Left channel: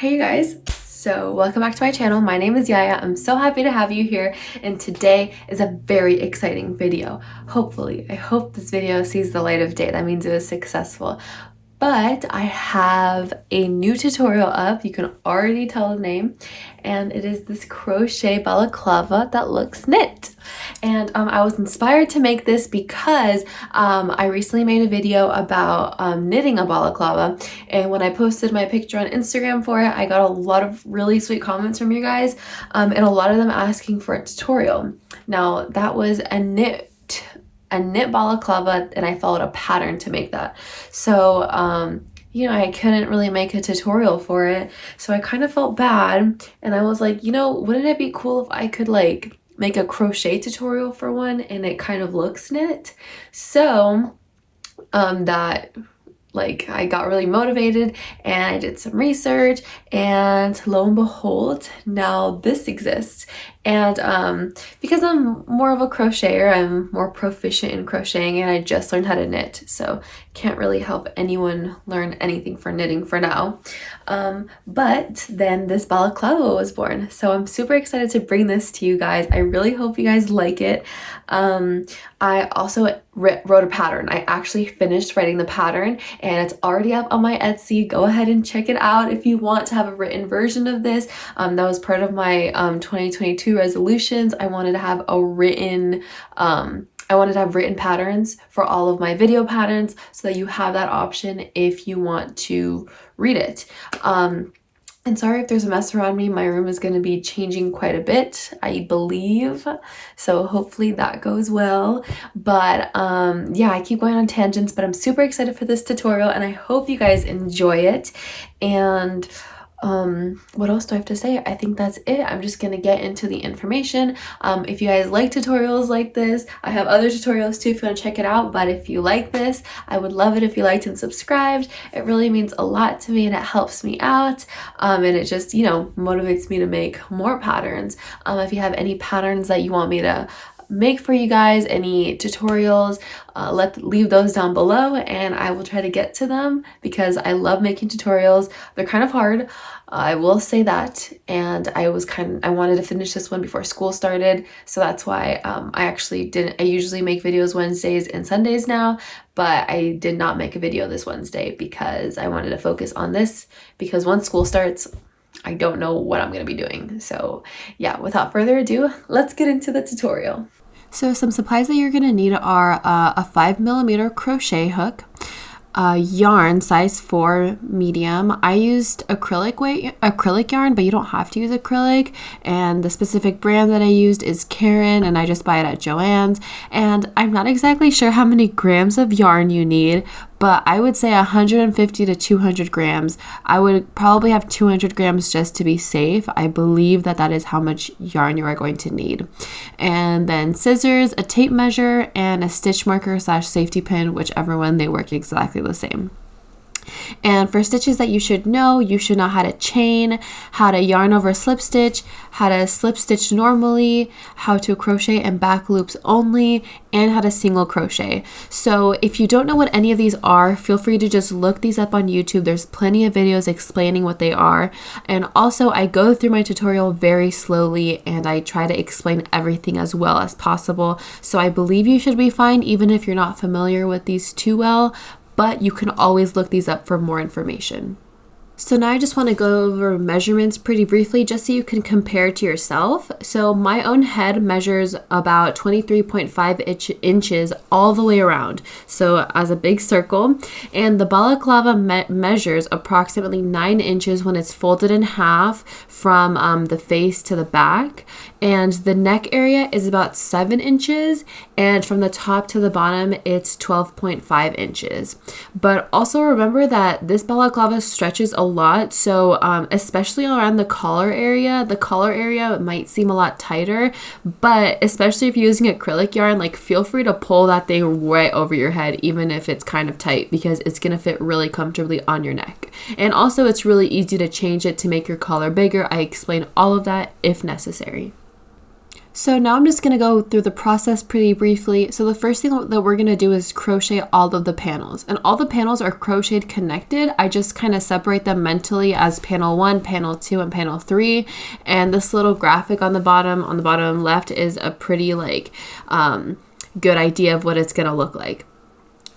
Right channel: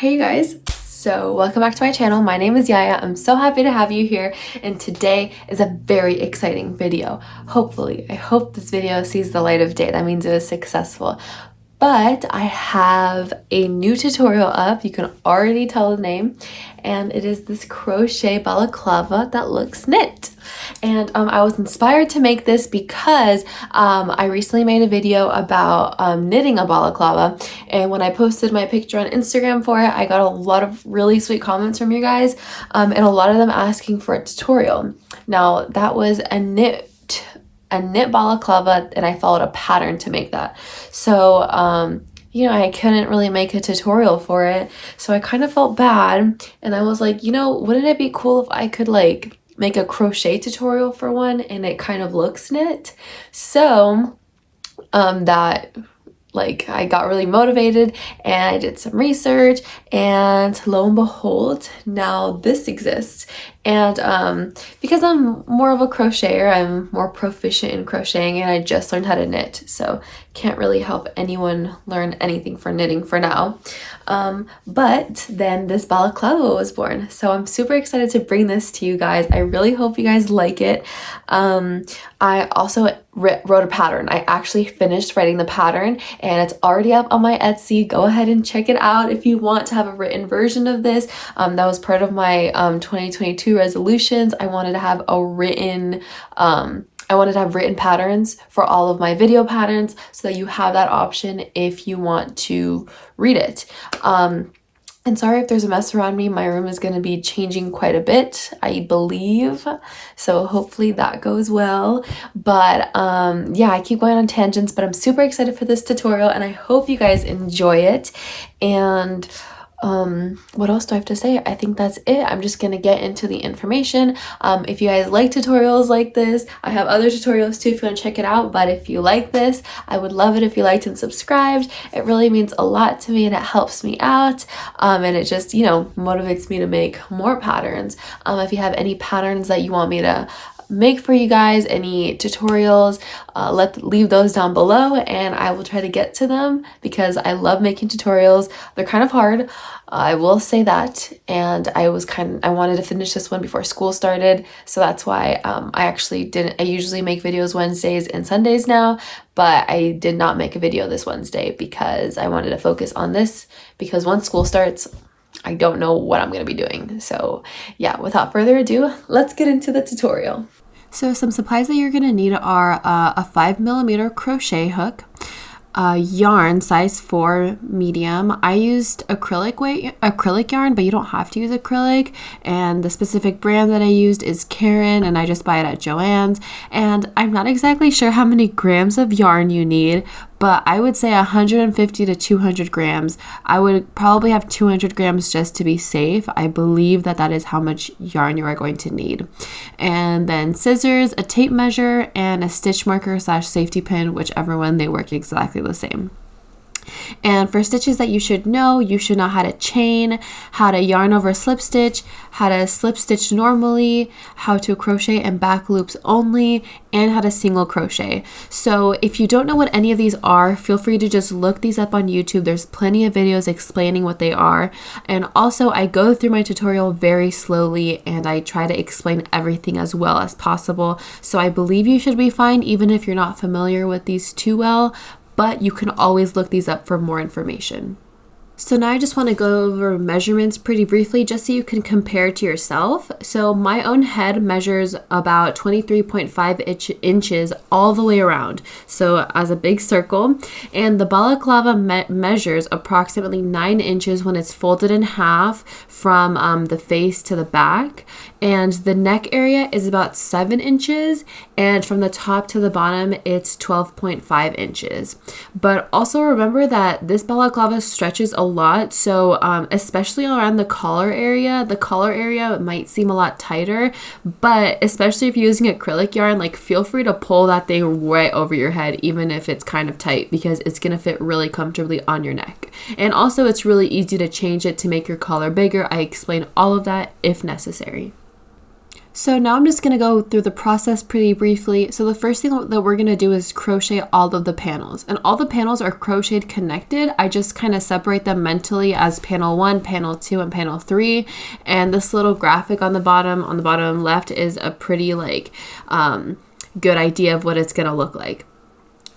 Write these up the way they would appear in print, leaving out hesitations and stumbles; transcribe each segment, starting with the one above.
Hey guys, so welcome back to my channel. My name is Yaya. I'm so happy to have you here, and today is a very exciting video. Hopefully, I hope this video sees the light of day. That means it was successful. But I have a new tutorial up. You can already tell the name, and it is this crochet balaclava that looks knit. And I was inspired to make this because I recently made a video about knitting a balaclava, and when I posted my picture on Instagram for it, I got a lot of really sweet comments from you guys, and a lot of them asking for a tutorial. Now that was a knit balaclava, and I followed a pattern to make that. So you know, I couldn't really make a tutorial for it, so I kind of felt bad, and I was like, you know, wouldn't it be cool if I could like make a crochet tutorial for one and it kind of looks knit? So that like I got really motivated and I did some research, and lo and behold, now this exists. And because I'm more of a crocheter, I'm more proficient in crocheting, and I just learned how to knit, so can't really help anyone learn anything for knitting for now. But then this balaclava was born, so I'm super excited to bring this to you guys. I really hope you guys like it. I also wrote a pattern. I actually finished writing the pattern, and it's already up on my Etsy. Go ahead and check it out if you want to have a written version of this. That was part of my 2022 resolutions. I wanted to have written patterns for all of my video patterns, so that you have that option if you want to read it. And sorry if there's a mess around me. My room is going to be changing quite a bit, I believe, so hopefully that goes well. But yeah, I keep going on tangents, but I'm super excited for this tutorial, and I hope you guys enjoy it. And what else do I have to say? I think that's it. I'm just gonna get into the information. If you guys like tutorials like this, I have other tutorials too if you want to check it out. But if you like this, I would love it if you liked and subscribed. It really means a lot to me, and it helps me out, and it just, you know, motivates me to make more patterns. If you have any patterns that you want me to make for you guys, any tutorials, leave those down below, and I will try to get to them, because I love making tutorials. They're kind of hard, I will say that, and I wanted to finish this one before school started, so that's why I usually make videos Wednesdays and Sundays now, but I did not make a video this Wednesday because I wanted to focus on this, because once school starts, I don't know what I'm going to be doing. So yeah, without further ado, let's get into the tutorial. So some supplies that you're going to need are a 5mm crochet hook, yarn size 4 medium. I used acrylic yarn, but you don't have to use acrylic, and the specific brand that I used is Karen, and I just buy it at Joann's. And I'm not exactly sure how many grams of yarn you need, but I would say 150 to 200 grams. I would probably have 200 grams just to be safe. I believe that that is how much yarn you are going to need. And then scissors, a tape measure, and a stitch marker / safety pin, whichever one, they work exactly the same. And for stitches that you should know how to chain, how to yarn over slip stitch, how to slip stitch normally, how to crochet and back loops only, and how to single crochet. So if you don't know what any of these are, feel free to just look these up on YouTube. There's plenty of videos explaining what they are. And also, I go through my tutorial very slowly, and I try to explain everything as well as possible. So I believe you should be fine even if you're not familiar with these too well, but you can always look these up for more information. So now I just want to go over measurements pretty briefly, just so you can compare to yourself. So my own head measures about 23.5 inches all the way around, so as a big circle. And the balaclava measures approximately 9 inches when it's folded in half from the face to the back. And the neck area is about 7 inches, and from the top to the bottom, it's 12.5 inches. But also remember that this balaclava stretches a lot, so especially around the collar area might seem a lot tighter, but especially if you're using acrylic yarn, like, feel free to pull that thing right over your head, even if it's kind of tight, because it's gonna fit really comfortably on your neck. And also, it's really easy to change it to make your collar bigger. I explain all of that if necessary. So now I'm just going to go through the process pretty briefly. So the first thing that we're going to do is crochet all of the panels. And all the panels are crocheted connected. I just kind of separate them mentally as panel 1, panel 2, and panel 3. And this little graphic on the bottom left is a pretty good idea of what it's going to look like.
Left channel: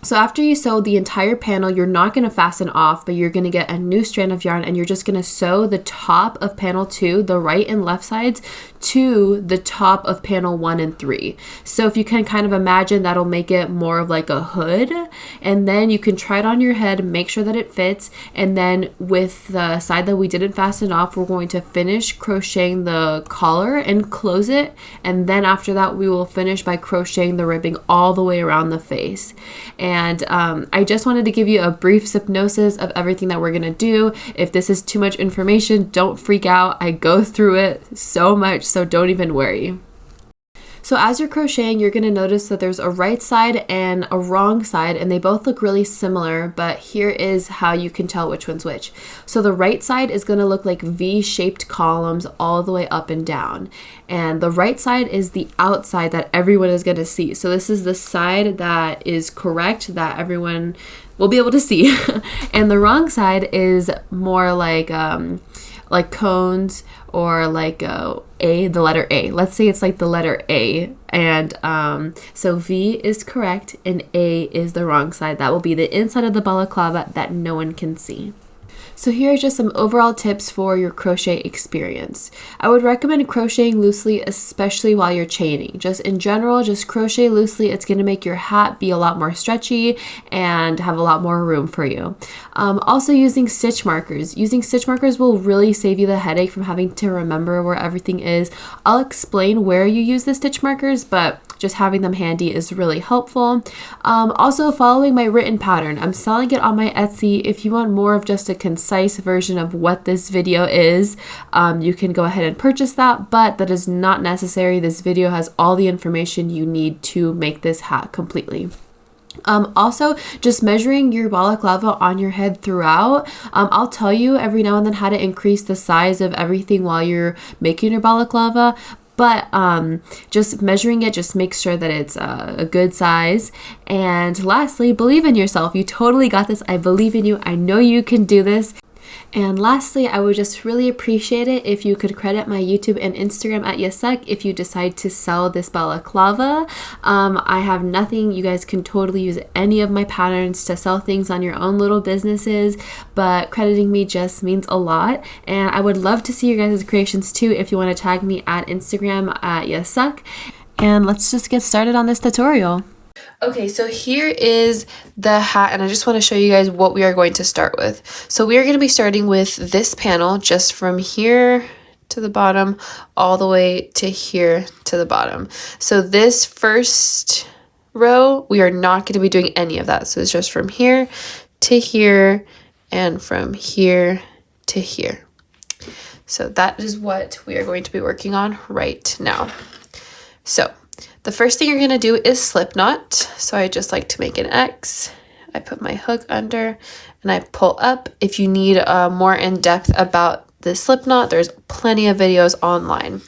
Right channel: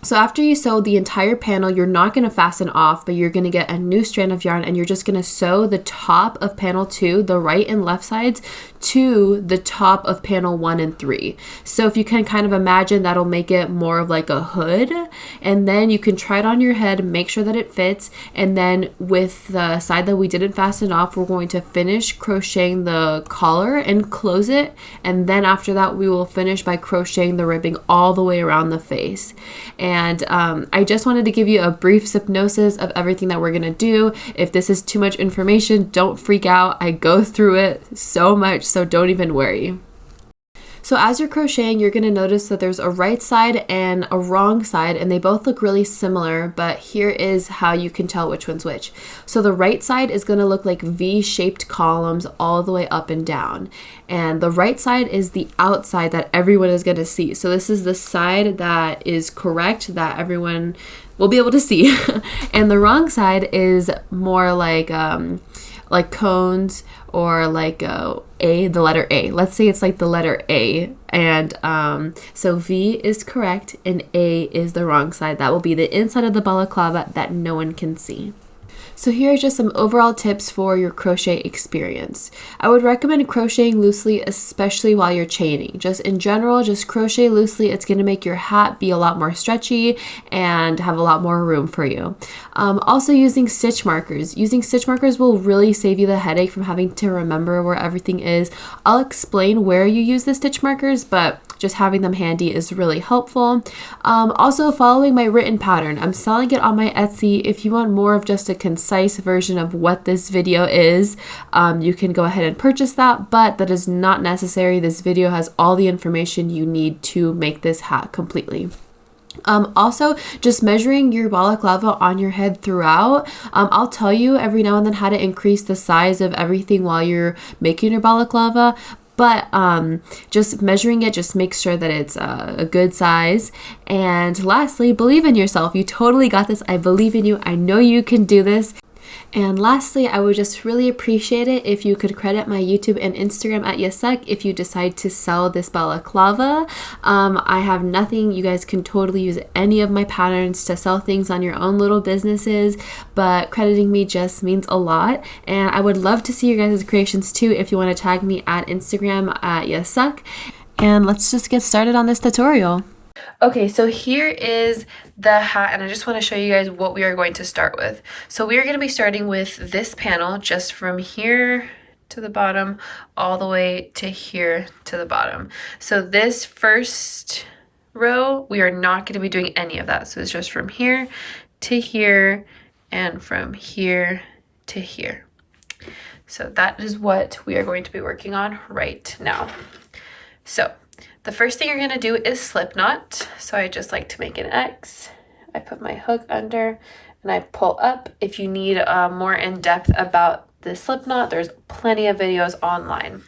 So after you sew the entire panel, you're not going to fasten off, but you're going to get a new strand of yarn and you're just going to sew the top of panel 2, the right and left sides, to the top of panel 1 and 3. So if you can kind of imagine, that'll make it more of like a hood, and then you can try it on your head, make sure that it fits, and then with the side that we didn't fasten off, we're going to finish crocheting the collar and close it, and then after that we will finish by crocheting the ribbing all the way around the face. And I just wanted to give you a brief synopsis of everything that we're going to do. If this is too much information, don't freak out. I go through it so much, so don't even worry. So as you're crocheting, you're going to notice that there's a right side and a wrong side, and they both look really similar, but here is how you can tell which one's which. So the right side is going to look like V-shaped columns all the way up and down. And the right side is the outside that everyone is going to see. So this is the side that is correct, that everyone will be able to see. And the wrong side is more like cones, or like the letter A. Let's say it's like the letter A. And so V is correct and A is the wrong side. That will be the inside of the balaclava that no one can see. So here are just some overall tips for your crochet experience. I would recommend crocheting loosely, especially while you're chaining. Just in general, just crochet loosely. It's going to make your hat be a lot more stretchy and have a lot more room for you. Also using stitch markers. Using stitch markers will really save you the headache from having to remember where everything is. I'll explain where you use the stitch markers, but just having them handy is really helpful. Also following my written pattern. I'm selling it on my Etsy. If you want more of just a concise version of what this video is, you can go ahead and purchase that, but that is not necessary. This video has all the information you need to make this hat completely. Also, just measuring your balaclava on your head throughout. I'll tell you every now and then how to increase the size of everything while you're making your balaclava, but just measuring it just makes sure that it's a good size. And lastly, believe in yourself. You totally got this. I believe in you. I know you can do this. And lastly, I would just really appreciate it if you could credit my YouTube and Instagram at Yasek if you decide to sell this balaclava. I have nothing. You guys can totally use any of my patterns to sell things on your own little businesses, but crediting me just means a lot. And I would love to see your guys' creations too if you want to tag me at Instagram at Yasek. And let's just get started on this tutorial. Okay, so here is the hat, and I just want to show you guys what we are going to start with. So we are going to be starting with this panel, just from here to the bottom all the way to here to the bottom. So this first row, we are not going to be doing any of that. So it's just from here to here and from here to here. So that is what we are going to be working on right now. So the first thing you're going to do is slip knot. So I just like to make an X. I put my hook under and I pull up. If you need more in depth about the slip knot, there's plenty of videos online.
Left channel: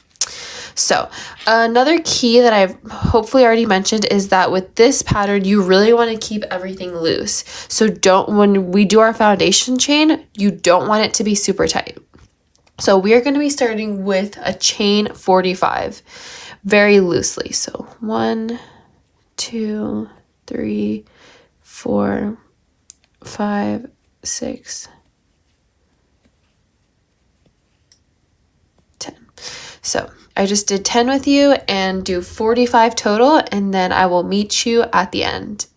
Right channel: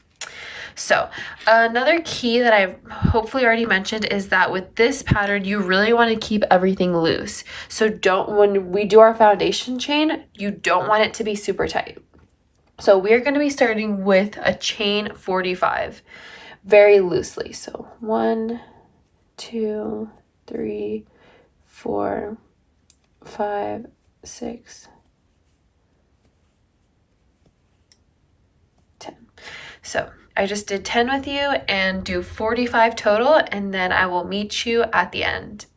So another key that I've hopefully already mentioned is that with this pattern, you really want to keep everything loose. So when we do our foundation chain, you don't want it to be super tight. So we are going to be starting with a chain 45. Very loosely. So 1, 2, 3, 4, 5, 6, 10. So I just did 10 with you and do 45 total, and then I will meet you at the end.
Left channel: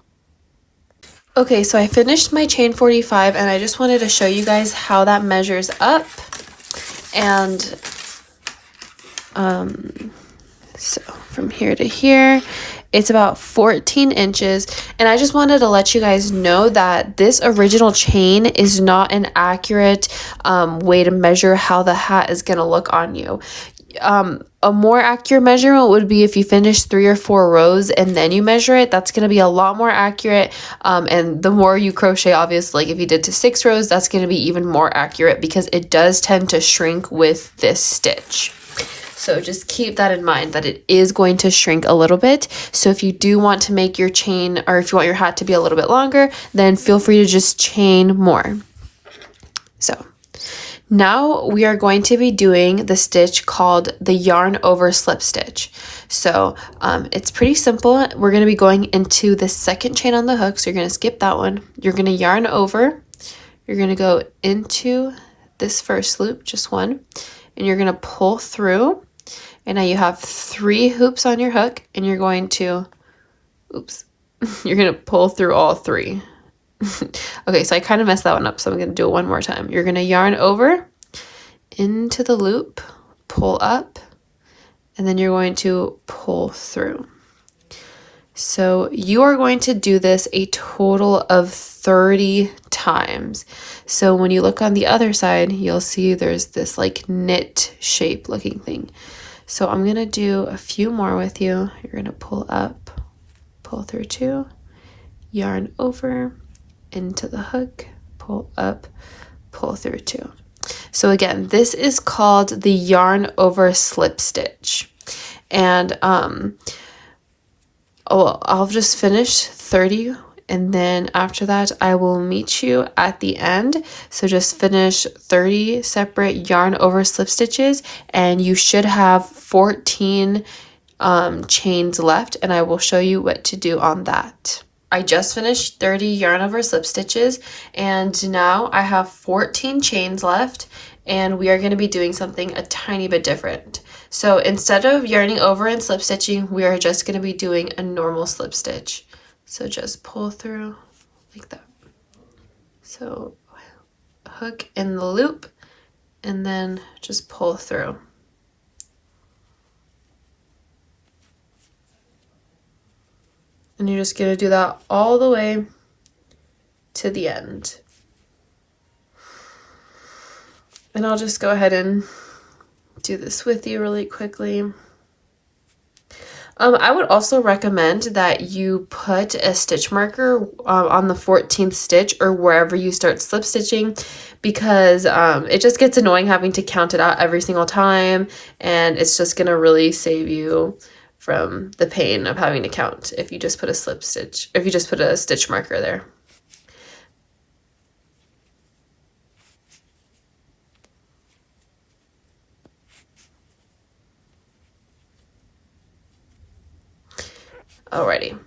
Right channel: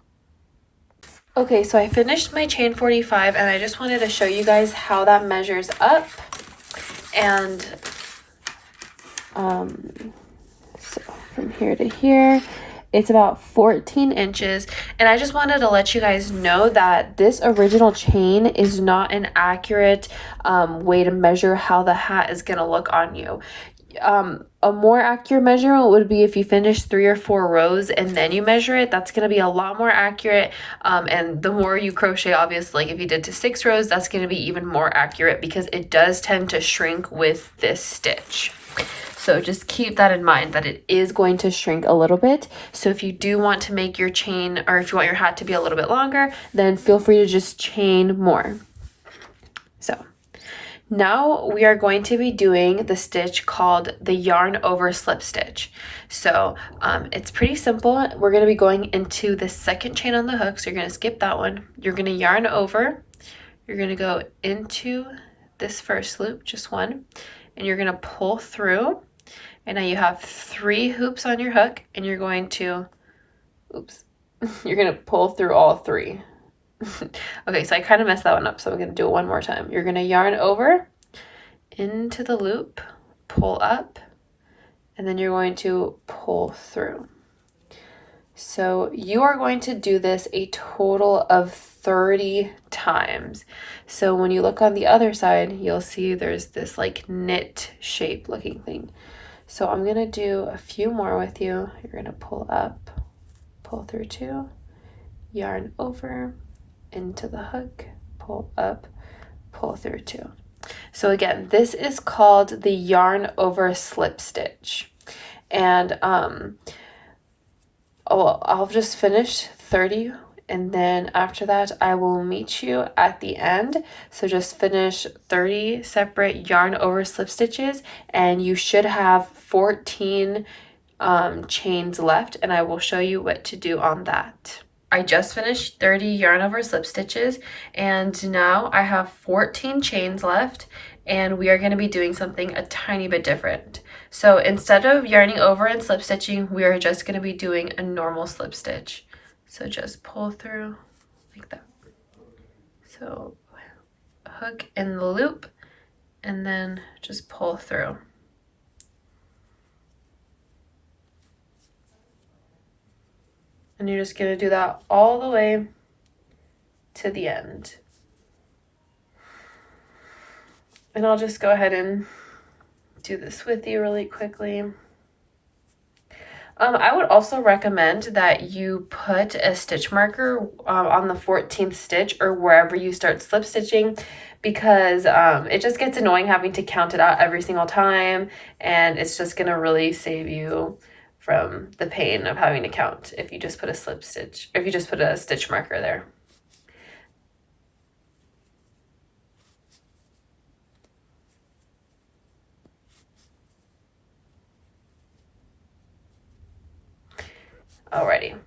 Okay, so I finished my chain 45 and I just wanted to show you guys how that measures up. And so from here to here, it's about 14 inches. And I just wanted to let you guys know that this original chain is not an accurate way to measure how the hat is going to look on you. A more accurate measurement would be if you finish 3 or 4 rows and then you measure it. That's going to be a lot more accurate. And the more you crochet, obviously, like if you did to 6 rows, that's going to be even more accurate because it does tend to shrink with this stitch. So just keep that in mind that it is going to shrink a little bit. So if you do want to make your chain, or if you want your hat to be a little bit longer, then feel free to just chain more. So now we are going to be doing the stitch called the yarn over slip stitch. So it's pretty simple. We're going to be going into the second chain on the hook. So you're going to skip that one. You're going to yarn over. You're going to go into this first loop, just one, and you're going to pull through. And now you have 3 hoops on your hook, and you're going to, you're going to pull through all 3. Okay, so I kind of messed that one up, so I'm going to do it one more time. You're going to yarn over into the loop, pull up, and then you're going to pull through. So you are going to do this a total of 30 times. So when you look on the other side, you'll see there's this like knit shape looking thing. So I'm going to do a few more with you. You're going to pull up, pull through 2, yarn over, into the hook, pull up, pull through 2. So again, this is called the yarn over slip stitch. And I'll just finish 30, and then after that I will meet you at the end. So just finish 30 separate yarn over slip stitches, and you should have 14 chains left, and I will show you what to do on that. I just finished 30 yarn over slip stitches, and now I have 14 chains left, and we are going to be doing something a tiny bit different. So instead of yarning over and slip stitching, we are just going to be doing a normal slip stitch. So just pull through like that. So hook in the loop, and then just pull through. And you're just going to do that all the way to the end. And I'll just go ahead and do this with you really quickly. I would also recommend that you put a stitch marker on the 14th stitch or wherever you start slip stitching, because it just gets annoying having to count it out every single time, and it's just going to really save you from the pain of having to count if you just put a slip stitch, if you just put a stitch marker there. Alrighty,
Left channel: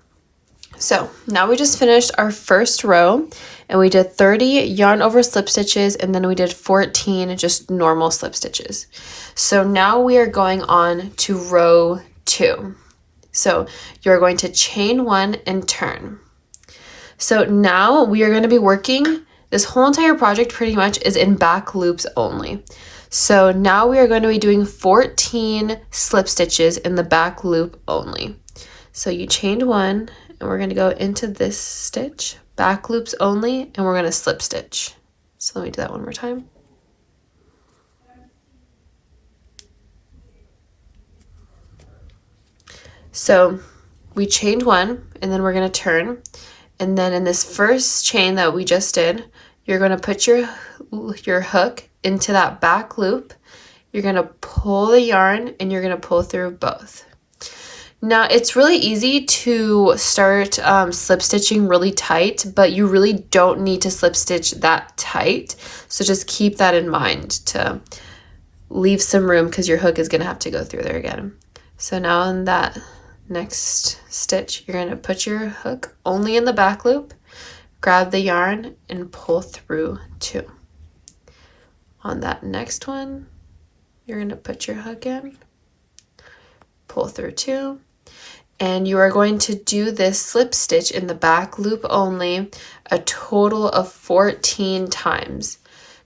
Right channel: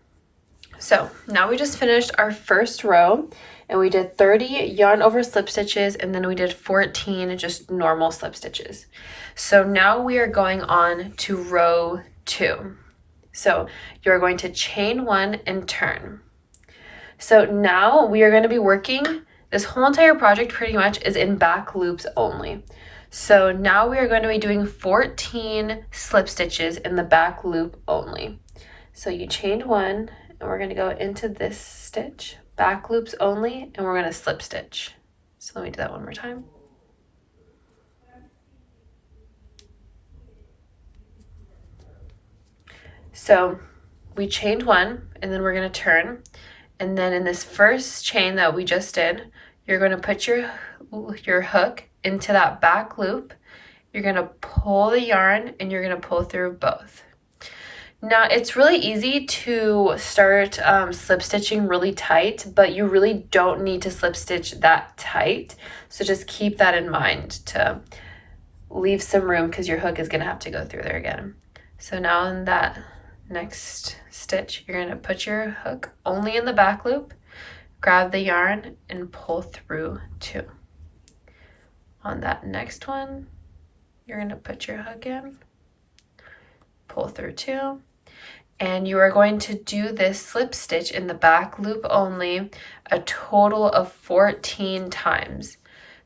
so now we just finished our first row, and we did 30 yarn over slip stitches, and then we did 14 just normal slip stitches. So now we are going on to row 2. So you're going to chain 1 and turn. So now we are going to be working, this whole entire project pretty much is in back loops only. So now we are going to be doing 14 slip stitches in the back loop only. So you chained 1, and we're going to go into this stitch, back loops only, and we're going to slip stitch. So let me do that one more time. So we chained 1, and then we're going to turn, and then in this first chain that we just did, you're going to put your hook into that back loop. You're going to pull the yarn, and you're going to pull through both. Now it's really easy to start slip stitching really tight, but you really don't need to slip stitch that tight. So just keep that in mind to leave some room, because your hook is going to have to go through there again. So now in that next stitch, you're going to put your hook only in the back loop, grab the yarn, and pull through 2. On that next one, you're going to put your hook in, pull through 2, and you are going to do this slip stitch in the back loop only a total of 14 times.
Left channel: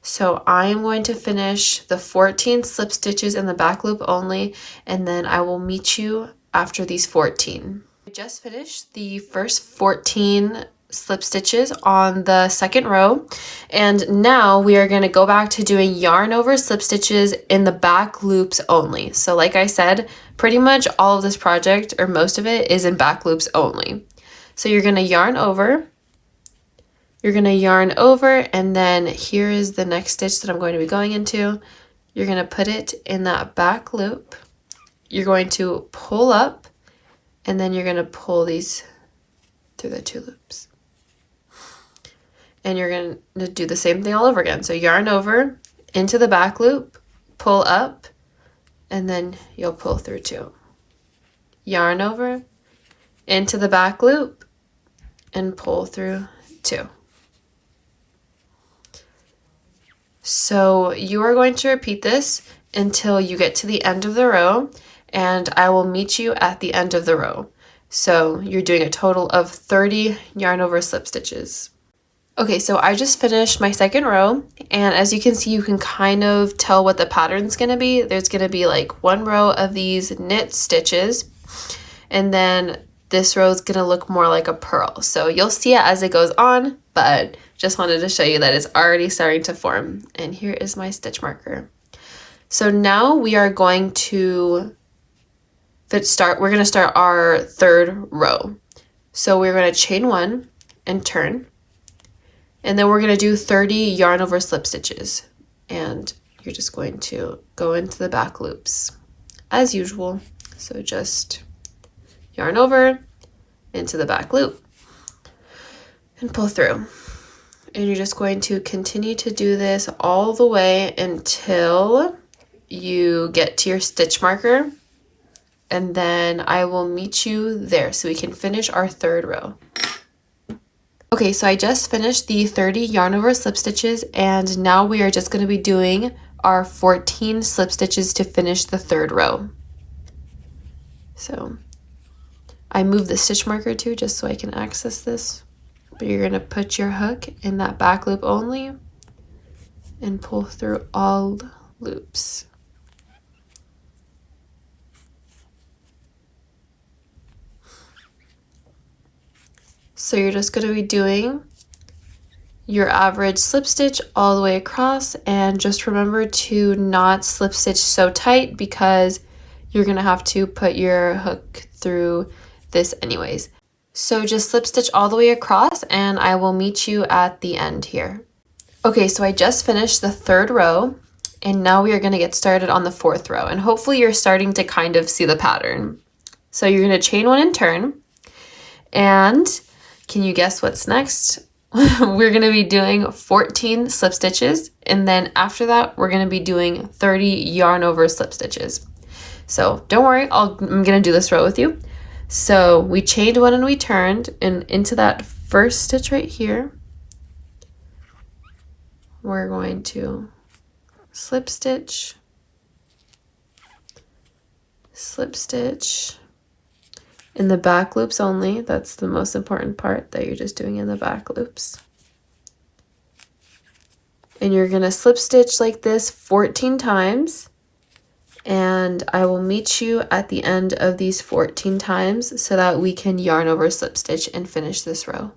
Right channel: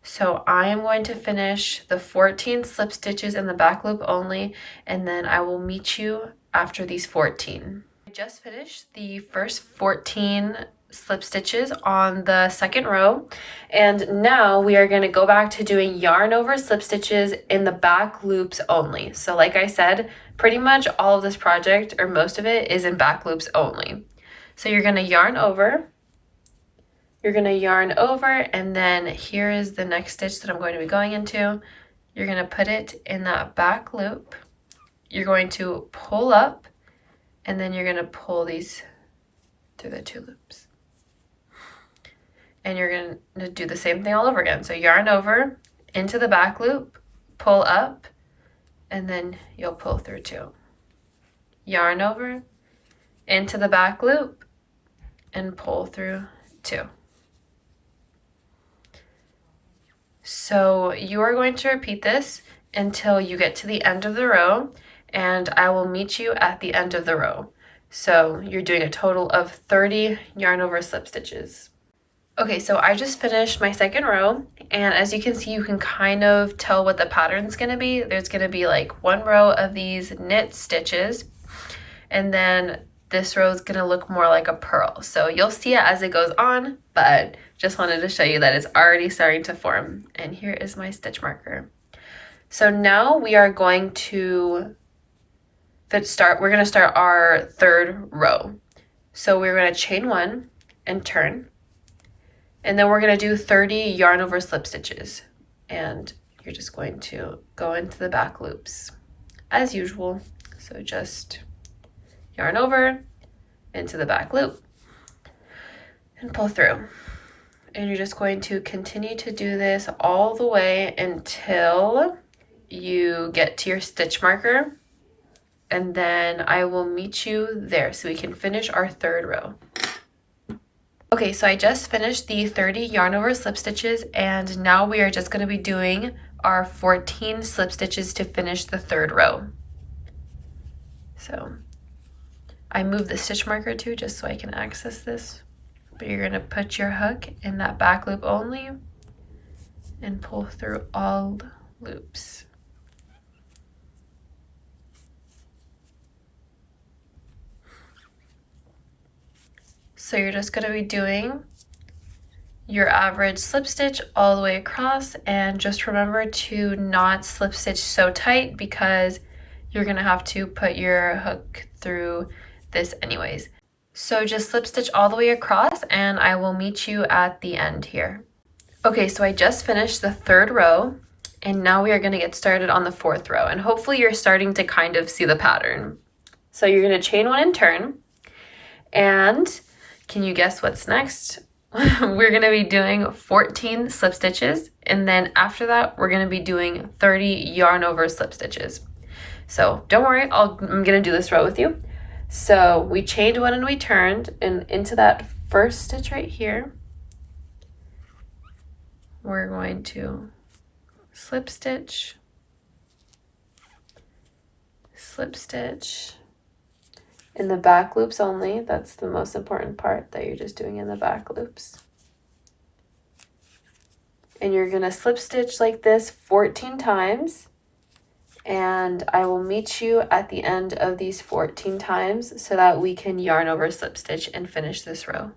So I am going to finish the 14 slip stitches in the back loop only, and then I will meet you after these 14. I just finished the first 14 slip stitches on the second row, and now we are going to go back to doing yarn over slip stitches in the back loops only. So like I said, pretty much all of this project, or most of it, is in back loops only. So you're going to yarn over, and then here is the next stitch that I'm going to be going into. you're going to put it in that back loop. You're going to pull up, and then you're going to pull these through the 2 loops. And you're going to do the same thing all over again. So yarn over into the back loop, pull up, and then you'll pull through 2. Yarn over into the back loop and pull through 2. So you are going to repeat this until you get to the end of the row, and I will meet you at the end of the row. So you're doing a total of 30 yarn over slip stitches. Okay, so I just finished my second row, and as you can see, you can kind of tell what the pattern's gonna be. There's gonna be like 1 row of these knit stitches, and then this row is gonna look more like a purl. So you'll see it as it goes on, but just wanted to show you that it's already starting to form. And here is my stitch marker. So now we are going to we're gonna start our 3rd row. So we're gonna chain 1 and turn. And then we're going to do 30 yarn over slip stitches, and you're just going to go into the back loops as usual. So just yarn over into the back loop and pull through. And you're just going to continue to do this all the way until you get to your stitch marker, and then I will meet you there so we can finish our 3rd row. Okay, so I just finished the 30 yarn over slip stitches, and now we are just going to be doing our 14 slip stitches to finish the 3rd row. So I moved the stitch marker too just so I can access this, but you're going to put your hook in that back loop only and pull through all loops. So you're just going to be doing your average slip stitch all the way across, and just remember to not slip stitch so tight because you're going to have to put your hook through this anyways. So just slip stitch all the way across, and I will meet you at the end here. Okay, so I just finished the 3rd row, and now we are going to get started on the 4th row, and hopefully you're starting to kind of see the pattern. So you're going to chain 1 and turn, and can you guess what's next? We're going to be doing 14 slip stitches, and then after that we're going to be doing 30 yarn over slip stitches. So don't worry, I'm going to do this row with you. So we chained 1 and we turned, and into that first stitch right here we're going to slip stitch, slip stitch, in the back loops only. That's the most important part, that you're just doing in the back loops. And you're going to slip stitch like this 14 times, and I will meet you at the end of these 14 times so that we can yarn over slip stitch and finish this row.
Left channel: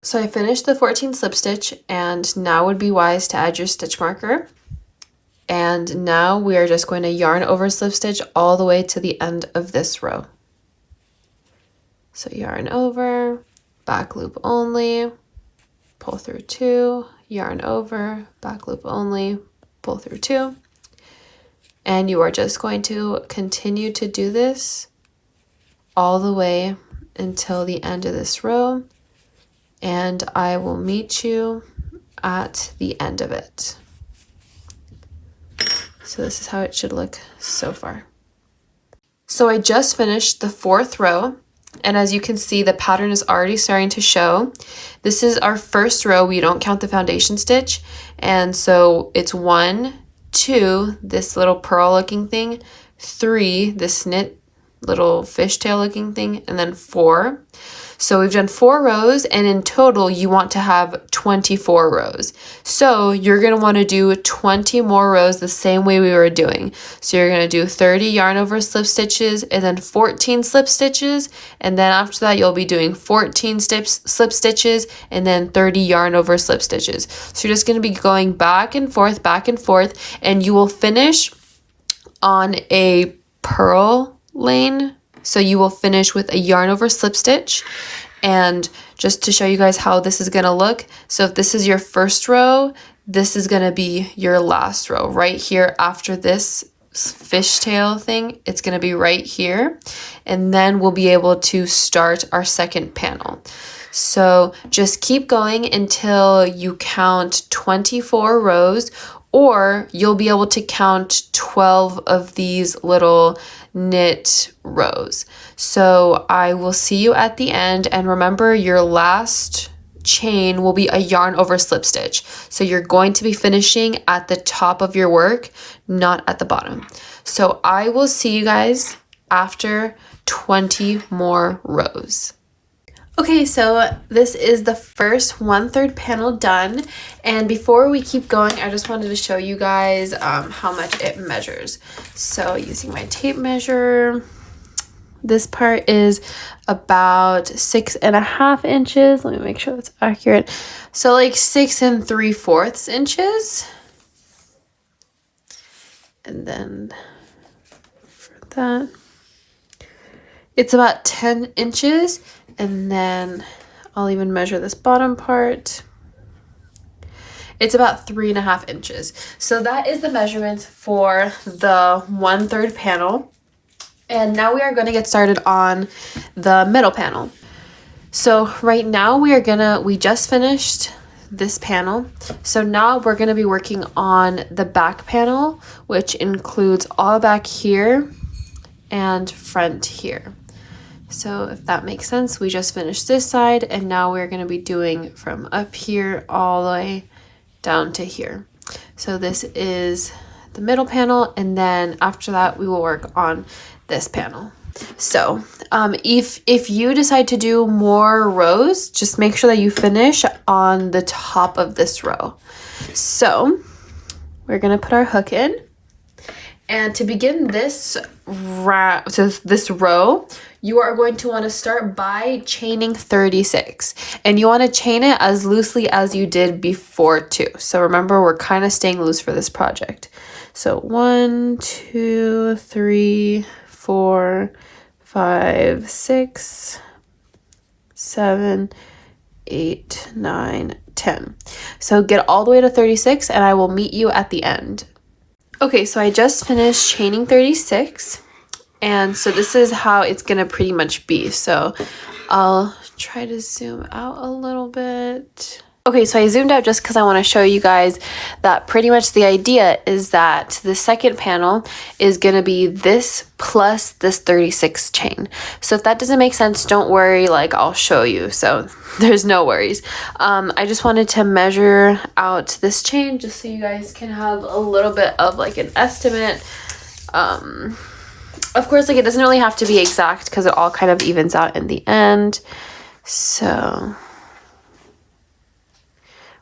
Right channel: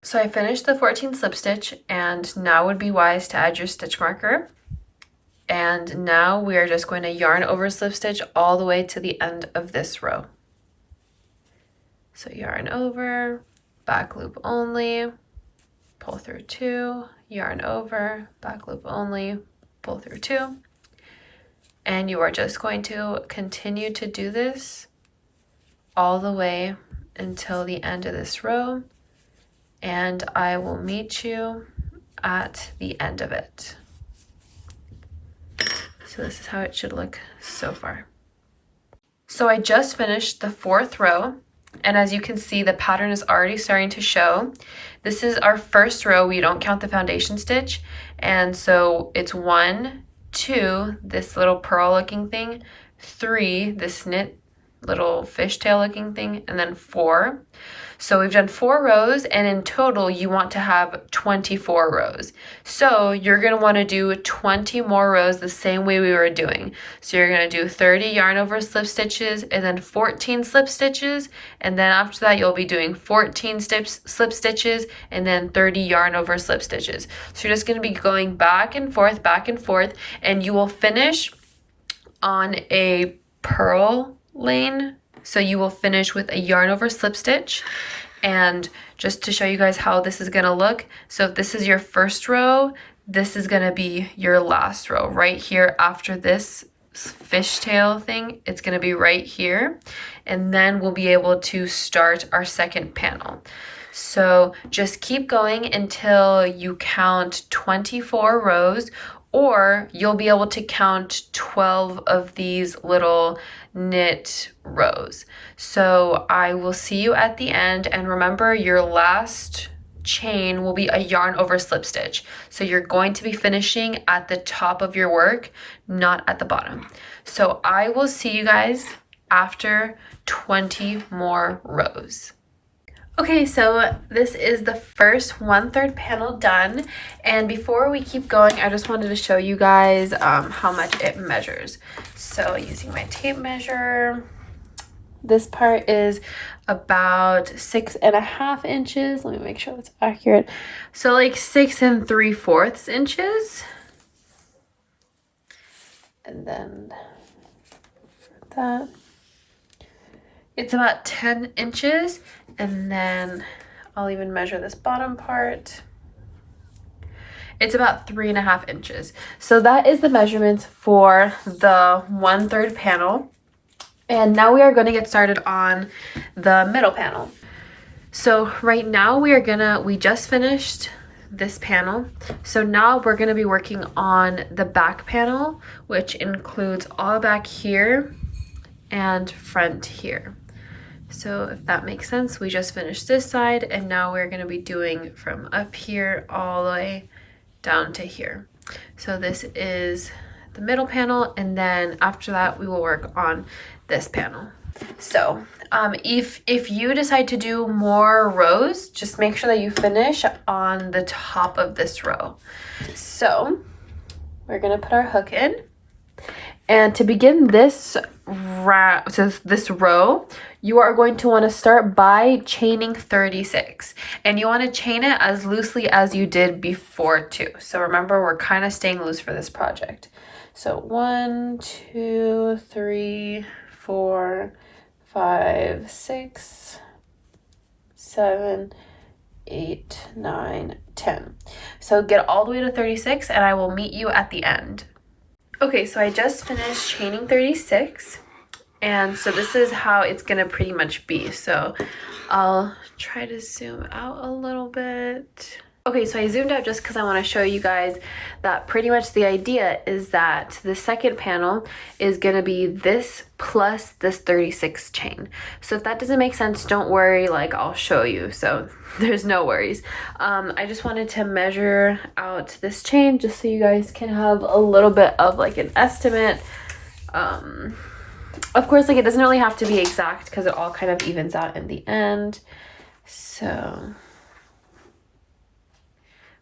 So I finished the 14 slip stitch, and now would be wise to add your stitch marker. And now we are just going to yarn over slip stitch all the way to the end of this row. So yarn over, back loop only, pull through 2, yarn over, back loop only, pull through 2. And you are just going to continue to do this all the way until the end of this row, and I will meet you at the end of it. So this is how it should look so far. So I just finished the 4th row, and as you can see, the pattern is already starting to show. This is our first row. We don't count the foundation stitch. And so it's 1, 2, this little purl looking thing, 3, this knit little fishtail looking thing, and then 4. So we've done 4 rows, and in total you want to have 24 rows. So you're going to want to do 20 more rows the same way we were doing. So you're going to do 30 yarn over slip stitches, and then 14 slip stitches, and then after that you'll be doing 14 slip stitches, and then 30 yarn over slip stitches. So you're just going to be going back and forth, and you will finish on a purl lane. So you will finish with a yarn over slip stitch. And just to show you guys how this is going to look, so if this is your first row, this is gonna be your last row right here after this fishtail thing. It's gonna be right here, and then we'll be able to start our second panel. So just keep going until you count 24 rows, or you'll be able to count 12 of these little knit rows. So I will see you at the end, and remember, your last chain will be a yarn over slip stitch. So you're going to be finishing at the top of your work, not at the bottom. So I will see you guys after 20 more rows. Okay, so this is the first 1/3 panel done, and before we keep going, I just wanted to show you guys how much it measures. So using my tape measure, this part is about 6.5 inches. Let me make sure that's accurate. So like 6 3/4 inches. And then for that, it's about 10 inches. And then I'll even measure this bottom part. It's about 3.5 inches. So that is the measurements for the 1/3 panel. And now we are going to get started on the middle panel. So right now we just finished this panel. So now we're going to be working on the back panel, which includes all back here and front here. So if that makes sense, we just finished this side, and now we're going to be doing from up here all the way down to here. So this is the middle panel, and then after that we will work on this panel. So if you decide to do more rows, just make sure that you finish on the top of this row. So we're going to put our hook in, and to begin this row, you are going to want to start by chaining 36, and you want to chain it as loosely as you did before too. So remember, we're kind of staying loose for this project. So 1, 2, 3, 4, 5, 6, 7, 8, 9, 10. So get all the way to 36, and I will meet you at the end. Okay, so I just finished chaining 36, and so this is how it's gonna pretty much be. So I'll try to zoom out a little bit. Okay, so I zoomed out just because I want to show you guys that pretty much the idea is that the second panel is going to be this plus this 36 chain. So if that doesn't make sense, don't worry, like I'll show you. So there's no worries. I just wanted to measure out this chain just so you guys can have a little bit of like an estimate. Of course, like it doesn't really have to be exact because it all kind of evens out in the end. So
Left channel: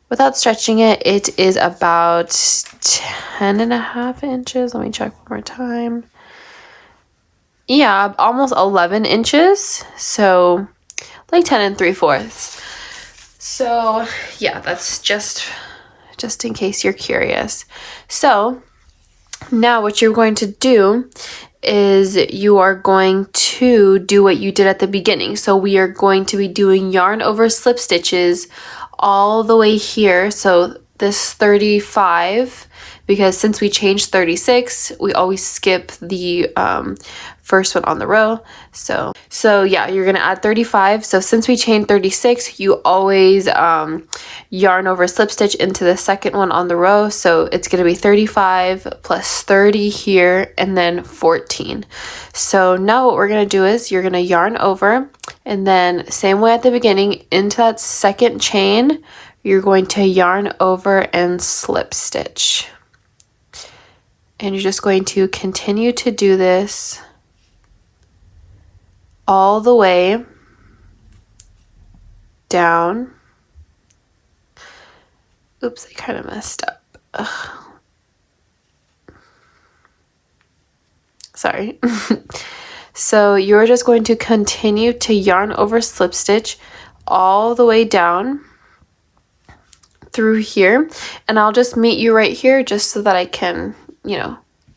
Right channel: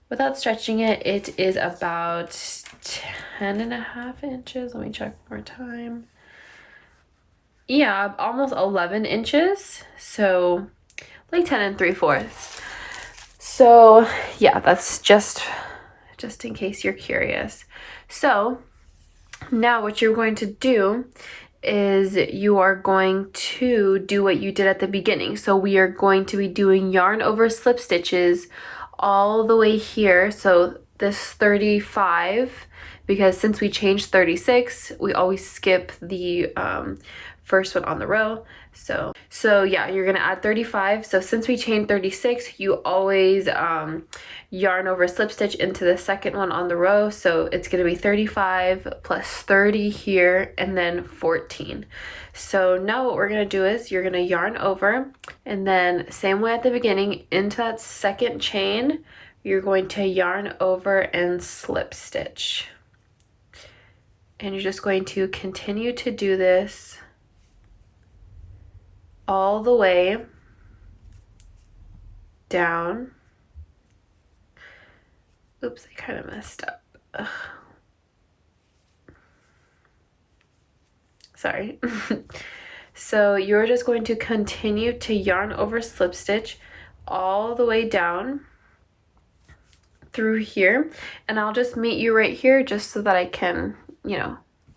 without stretching it, it is about 10.5 inches. Let me check one more time. Yeah, almost 11 inches. So like 10 3/4. So yeah, that's just in case you're curious. So now what you're going to do is you are going to do what you did at the beginning. So we are going to be doing yarn over slip stitches all the way here. So this 35, because since we changed 36, we always skip the first one on the row. So yeah, you're gonna add 35. So since we chained 36, you always yarn over slip stitch into the second one on the row. So it's gonna be 35 plus 30 here, and then 14. So now what we're gonna do is you're gonna yarn over, and then same way at the beginning, into that second chain, you're going to yarn over and slip stitch. And you're just going to continue to do this all the way down. Oops, I kind of messed up. Ugh. Sorry. So you're just going to continue to yarn over slip stitch all the way down through here, and I'll just meet you right here just so that I can,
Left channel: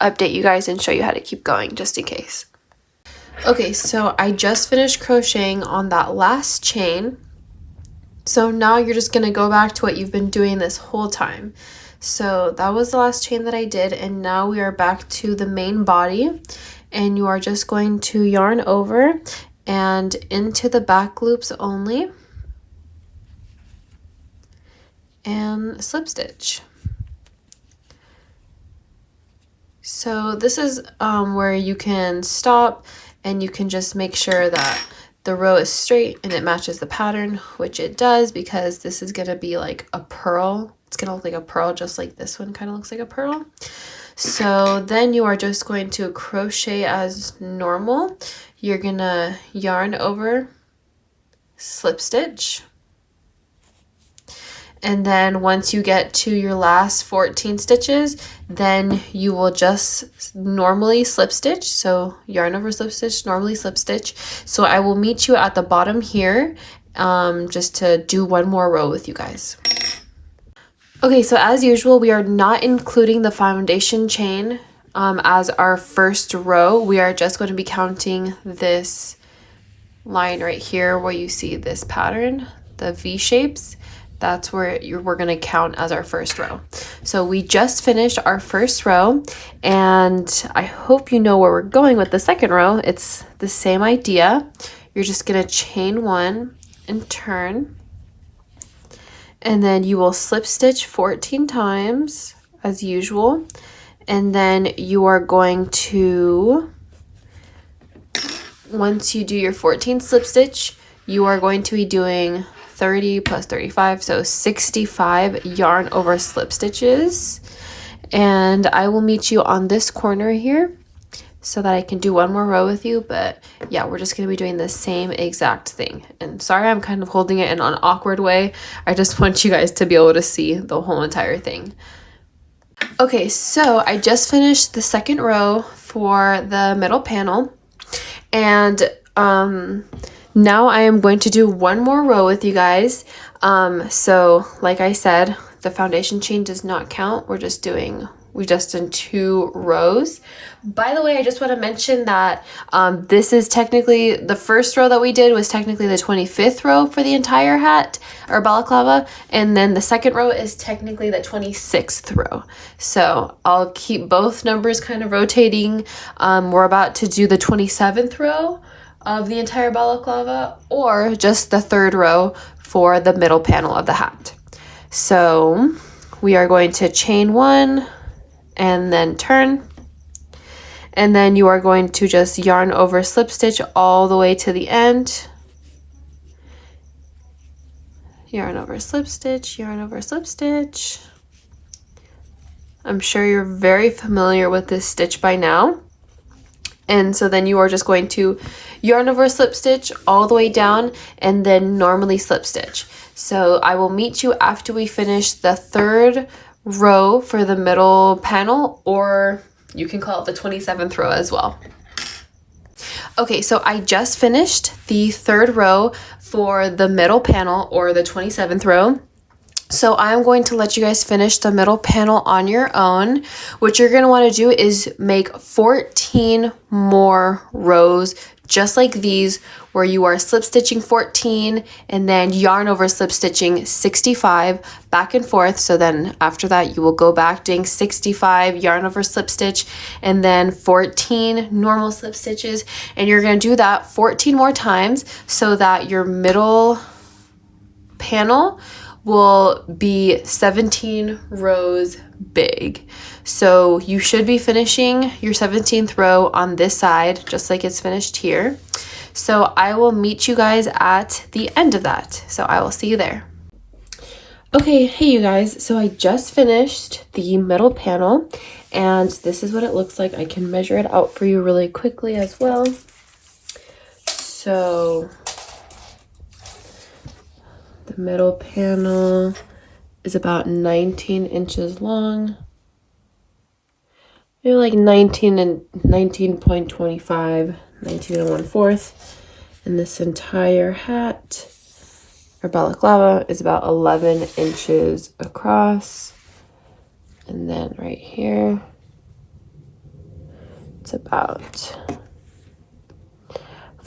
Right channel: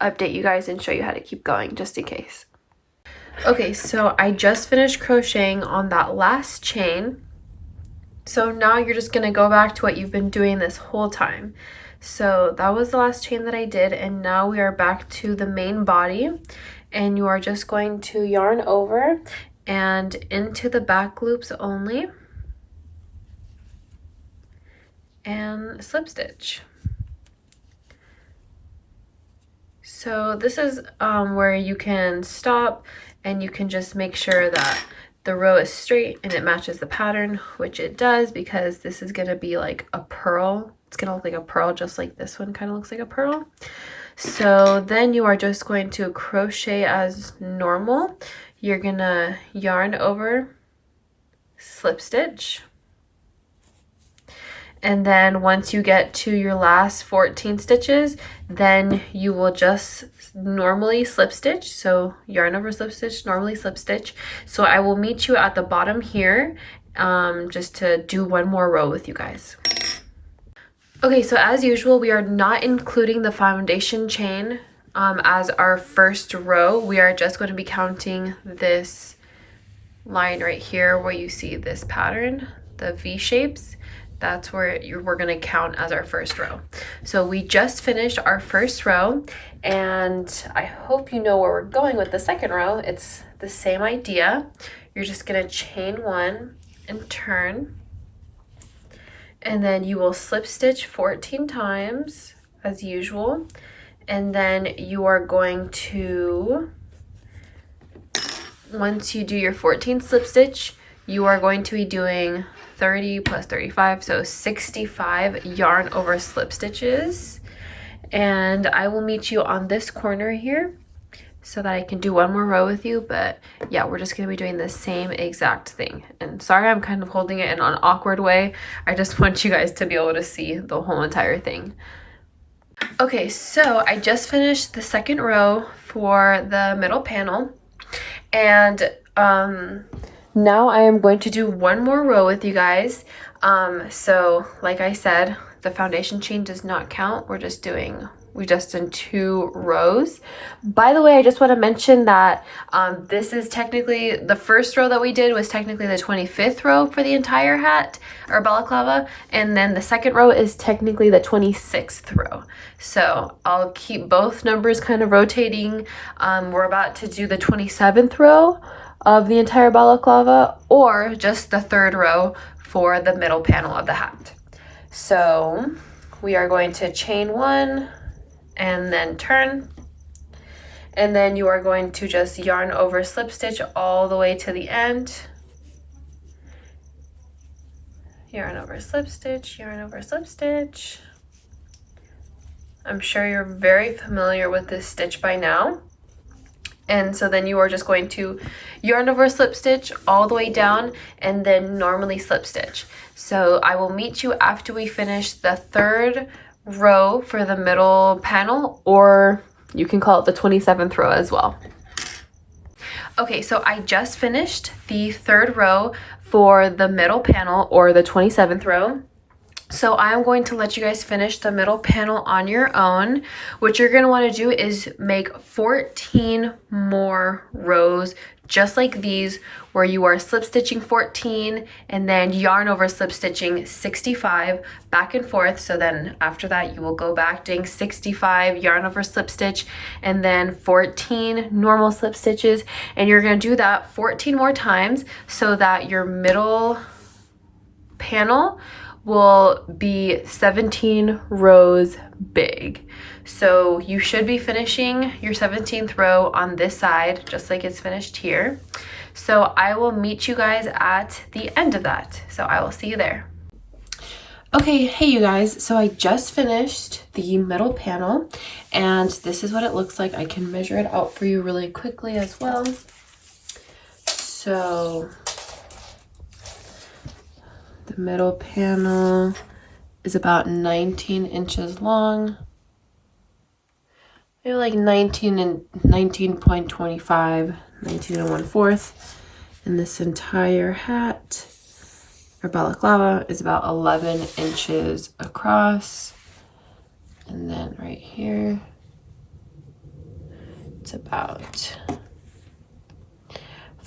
update you guys and show you how to keep going just in case. Okay, so I just finished crocheting on that last chain, So now you're just gonna go back to what you've been doing this whole time. So that was the last chain that I did, and now we are back to the main body, and you are just going to yarn over and into the back loops only and slip stitch. So this is where you can stop and you can just make sure that the row is straight and it matches the pattern, which it does, because this is going to be like a pearl. It's going to look like a pearl, just like this one kind of looks like a pearl. So then you are just going to crochet as normal. You're going to yarn over, slip stitch. And then once you get to your last 14 stitches, then you will just normally slip stitch. So yarn over, slip stitch, normally slip stitch. So I will meet you at the bottom here, just to do one more row with you guys. Okay, so as usual, we are not including the foundation chain as our first row. We are just going to be counting this line right here where you see this pattern, the V shapes. That's where we're going to count as our first row. So we just finished our first row, and I hope you know where we're going with the second row. It's the same idea. You're just going to chain one and turn, and then you will slip stitch 14 times as usual, and then you are going to, once you do your 14 slip stitch, you are going to be doing 30 plus 35, so 65 yarn over slip stitches. And I will meet you on this corner here so that I can do one more row with you. But yeah, we're just going to be doing the same exact thing. And sorry, I'm kind of holding it in an awkward way. I just want you guys to be able to see the whole entire thing. Okay, so I just finished the second row for the middle panel, and now I am going to do one more row with you guys. So like I said, the foundation chain does not count. We've just done 2 rows. By the way, I just want to mention that this is technically, the first row that we did was technically the 25th row for the entire hat or balaclava, and then the second row is technically the 26th row. So I'll keep both numbers kind of rotating. We're about to do the 27th row of the entire balaclava, or just the 3rd row for the middle panel of the hat. So we are going to chain one and then turn, and then you are going to just yarn over, slip stitch all the way to the end. Yarn over, slip stitch, yarn over, slip stitch. I'm sure you're very familiar with this stitch by now. And so then you are just going to yarn over, slip stitch all the way down, and then normally slip stitch. So I will meet you after we finish the 3rd row for the middle panel, or you can call it the 27th row as well. Okay, so I just finished the 3rd row for the middle panel, or the 27th row. So I'm going to let you guys finish the middle panel on your own. What you're going to want to do is make 14 more rows just like these, where you are slip stitching 14 and then yarn over slip stitching 65 back and forth. So then after that, you will go back doing 65 yarn over slip stitch and then 14 normal slip stitches. And you're going to do that 14 more times so that your middle panel will be 17 rows big. So you should be finishing your 17th row on this side, just like it's finished here. So I will meet you guys at the end of that. So I will see you there. Okay, hey you guys, so I just finished the middle panel, and this is what it looks like. I can measure it out for you really quickly as well. So the middle panel is about 19 inches long. Maybe like 19 and 19.25, 19 and 1/4. And this entire hat, or balaclava, is about 11 inches across. And then right here, it's about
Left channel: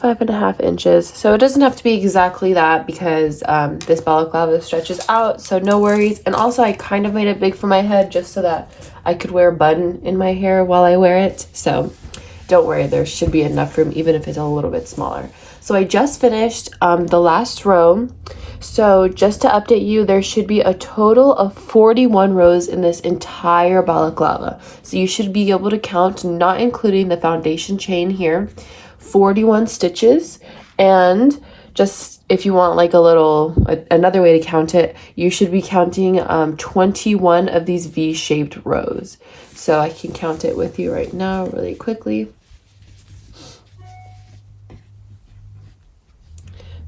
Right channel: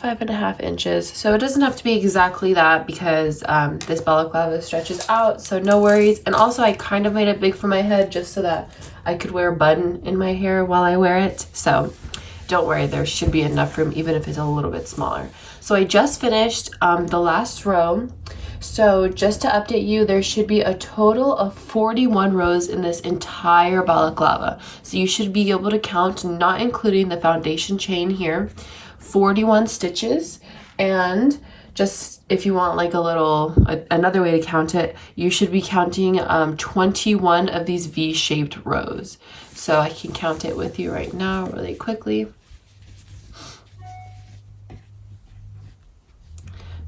5.5 inches. So it doesn't have to be exactly that because this balaclava stretches out, so no worries. And also I kind of made it big for my head just so that I could wear a button in my hair while I wear it. So don't worry, there should be enough room even if it's a little bit smaller. So I just finished the last row. So just to update you, there should be a total of 41 rows in this entire balaclava. So you should be able to count, not including the foundation chain here, 41 stitches. And just if you want like another way to count it, you should be counting 21 of these V-shaped rows. So I can count it with you right now really quickly.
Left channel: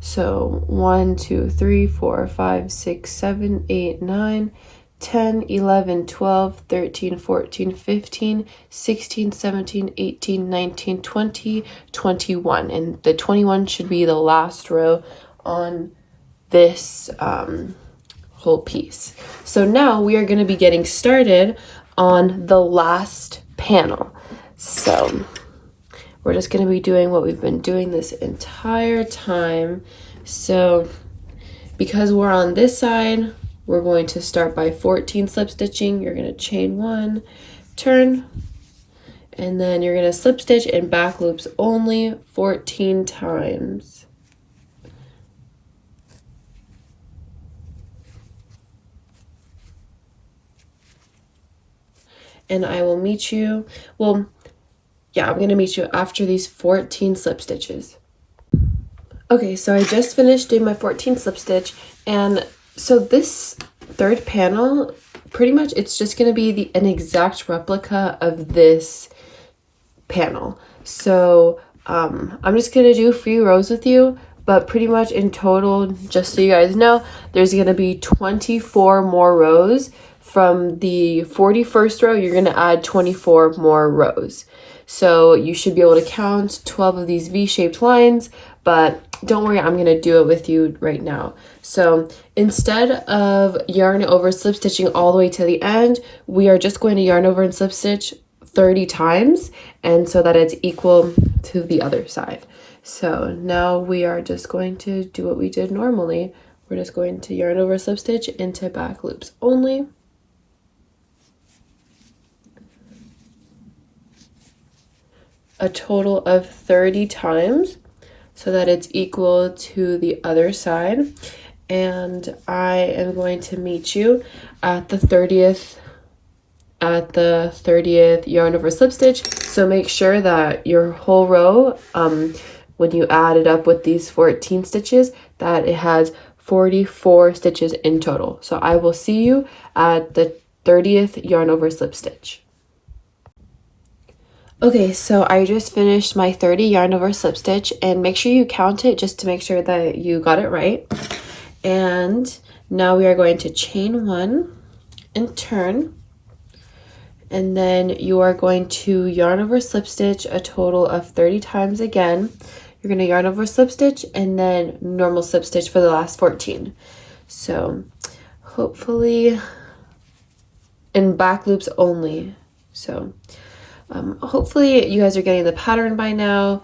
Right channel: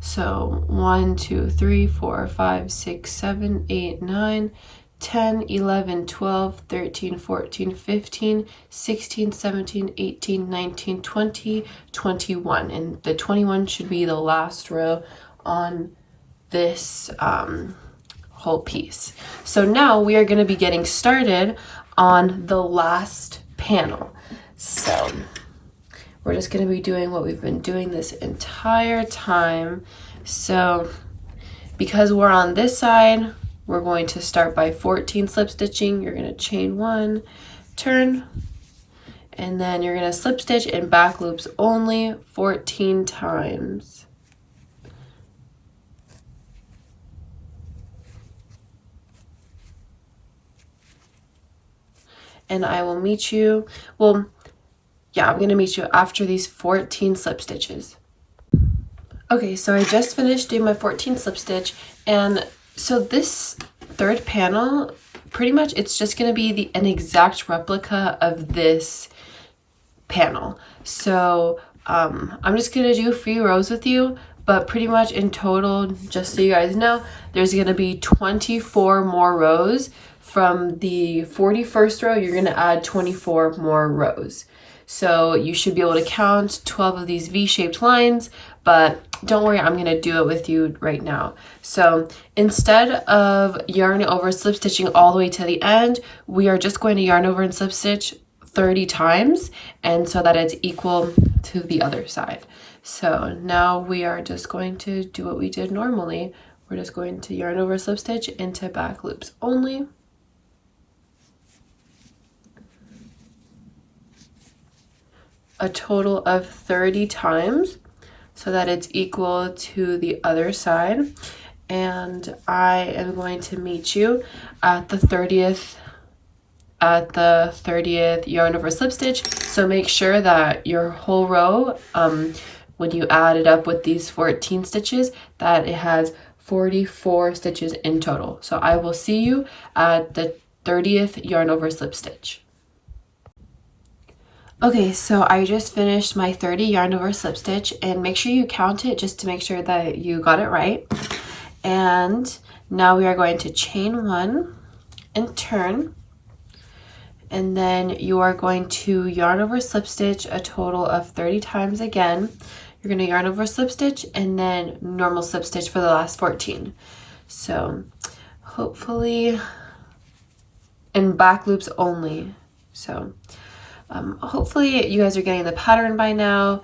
So 1, 2, 3, 4, 5, 6, 7, 8, 9, 10, 11, 12, 13, 14, 15, 16, 17, 18, 19, 20, 21. And the 21 should be the last row on this whole piece. So now we are going to be getting started on the last panel. So we're just going to be doing what we've been doing this entire time. So because we're on this side, we're going to start by 14 slip stitching. You're going to chain 1, turn, and then you're going to slip stitch in back loops only 14 times. And I will meet you, I'm going to meet you after these 14 slip stitches. Okay, so I just finished doing my 14 slip stitch, and so this third panel, pretty much it's just going to be an exact replica of this panel. So I'm just going to do a few rows with you, but pretty much in total, just so you guys know, there's going to be 24 more rows. From the 41st row, you're going to add 24 more rows. So you should be able to count 12 of these V-shaped lines, but don't worry, I'm going to do it with you right now. So instead of yarn over slip stitching all the way to the end, we are just going to yarn over and slip stitch 30 times, and so that it's equal to the other side. So now we are just going to do what we did normally. We're just going to yarn over slip stitch into back loops only. A total of 30 times so that it's equal to the other side. And I am going to meet you at the 30th yarn over slip stitch. So make sure that your whole row, when you add it up with these 14 stitches, that it has 44 stitches in total. So I will see you at the 30th yarn over slip stitch. Okay, so I just finished my 30 yarn over slip stitch, and make sure you count it just to make sure that you got it right. And now we are going to chain 1 and turn, and then you are going to yarn over slip stitch a total of 30 times again. You're going to yarn over slip stitch and then normal slip stitch for the last 14. So hopefully in back loops only. So hopefully you guys are getting the pattern by now.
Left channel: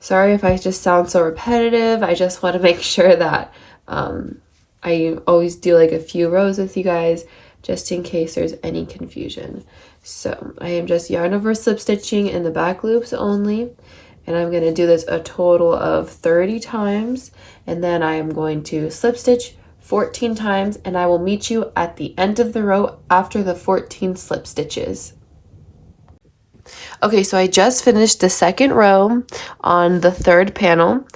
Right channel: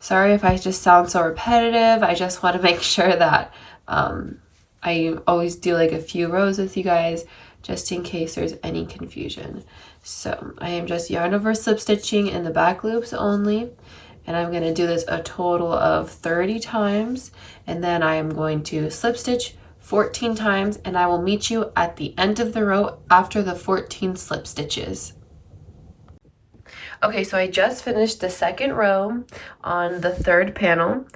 Sorry if I just sound so repetitive. I just want to make sure that I always do like a few rows with you guys just in case there's any confusion. So I am just yarn over slip stitching in the back loops only, and I'm going to do this a total of 30 times, and then I am going to slip stitch 14 times, and I will meet you at the end of the row after the 14 slip stitches. Okay, so I just finished the second row on the third panel,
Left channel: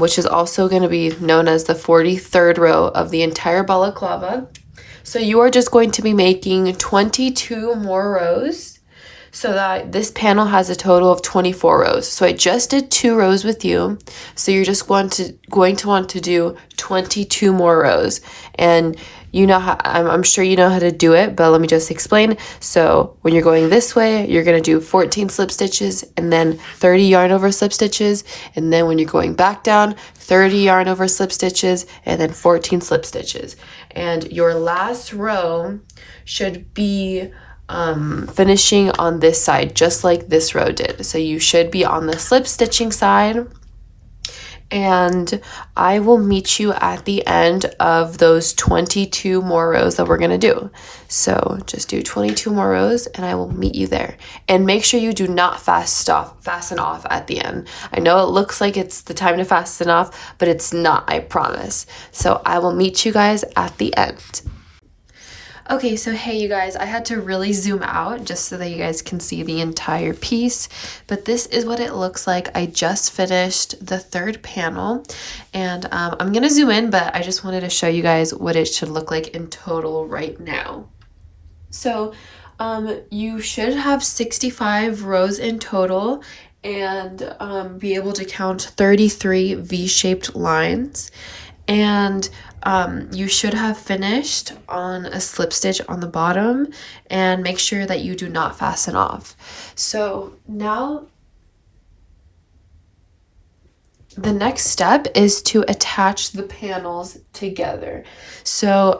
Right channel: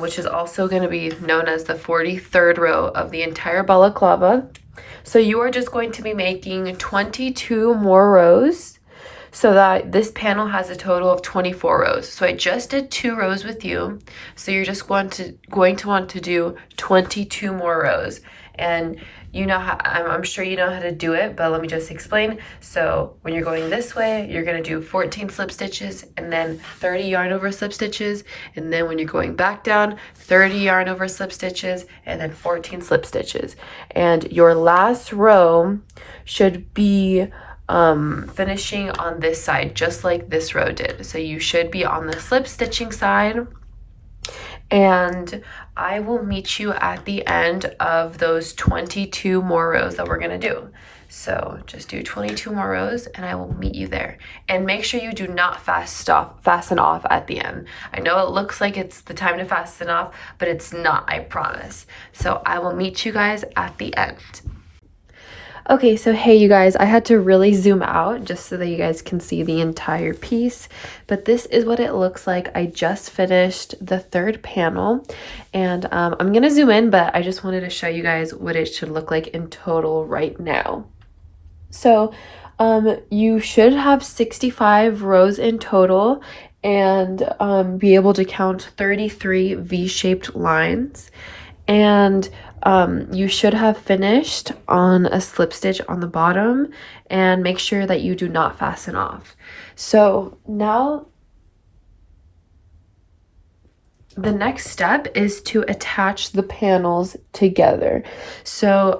which is also going to be known as the 43rd row of the entire balaclava. So you are just going to be making 22 more rows so that this panel has a total of 24 rows. So I just did 2 rows with you. So you're just going to want to do 22 more rows. And you know how, I'm sure you know how to do it, but let me just explain. So when you're going this way, you're going to do 14 slip stitches and then 30 yarn over slip stitches. And then when you're going back down, 30 yarn over slip stitches and then 14 slip stitches. And your last row should be finishing on this side, just like this row did. So you should be on the slip stitching side, and I will meet you at the end of those 22 more rows that we're gonna do. So just do 22 more rows and I will meet you there. And make sure you do not fasten off at the end. I know it looks like it's the time to fasten off, but it's not, I promise. So I will meet you guys at the end. Okay, so hey you guys, I had to really zoom out just so that you guys can see the entire piece, but this is what it looks like. I just finished the third panel, and I'm gonna zoom in, but I just wanted to show you guys what it should look like in total right now. So you should have 65 rows in total, and be able to count 33 V-shaped lines, and you should have finished on a slip stitch on the bottom, and make sure that you do not fasten off. So now the next step is to attach the panels together. So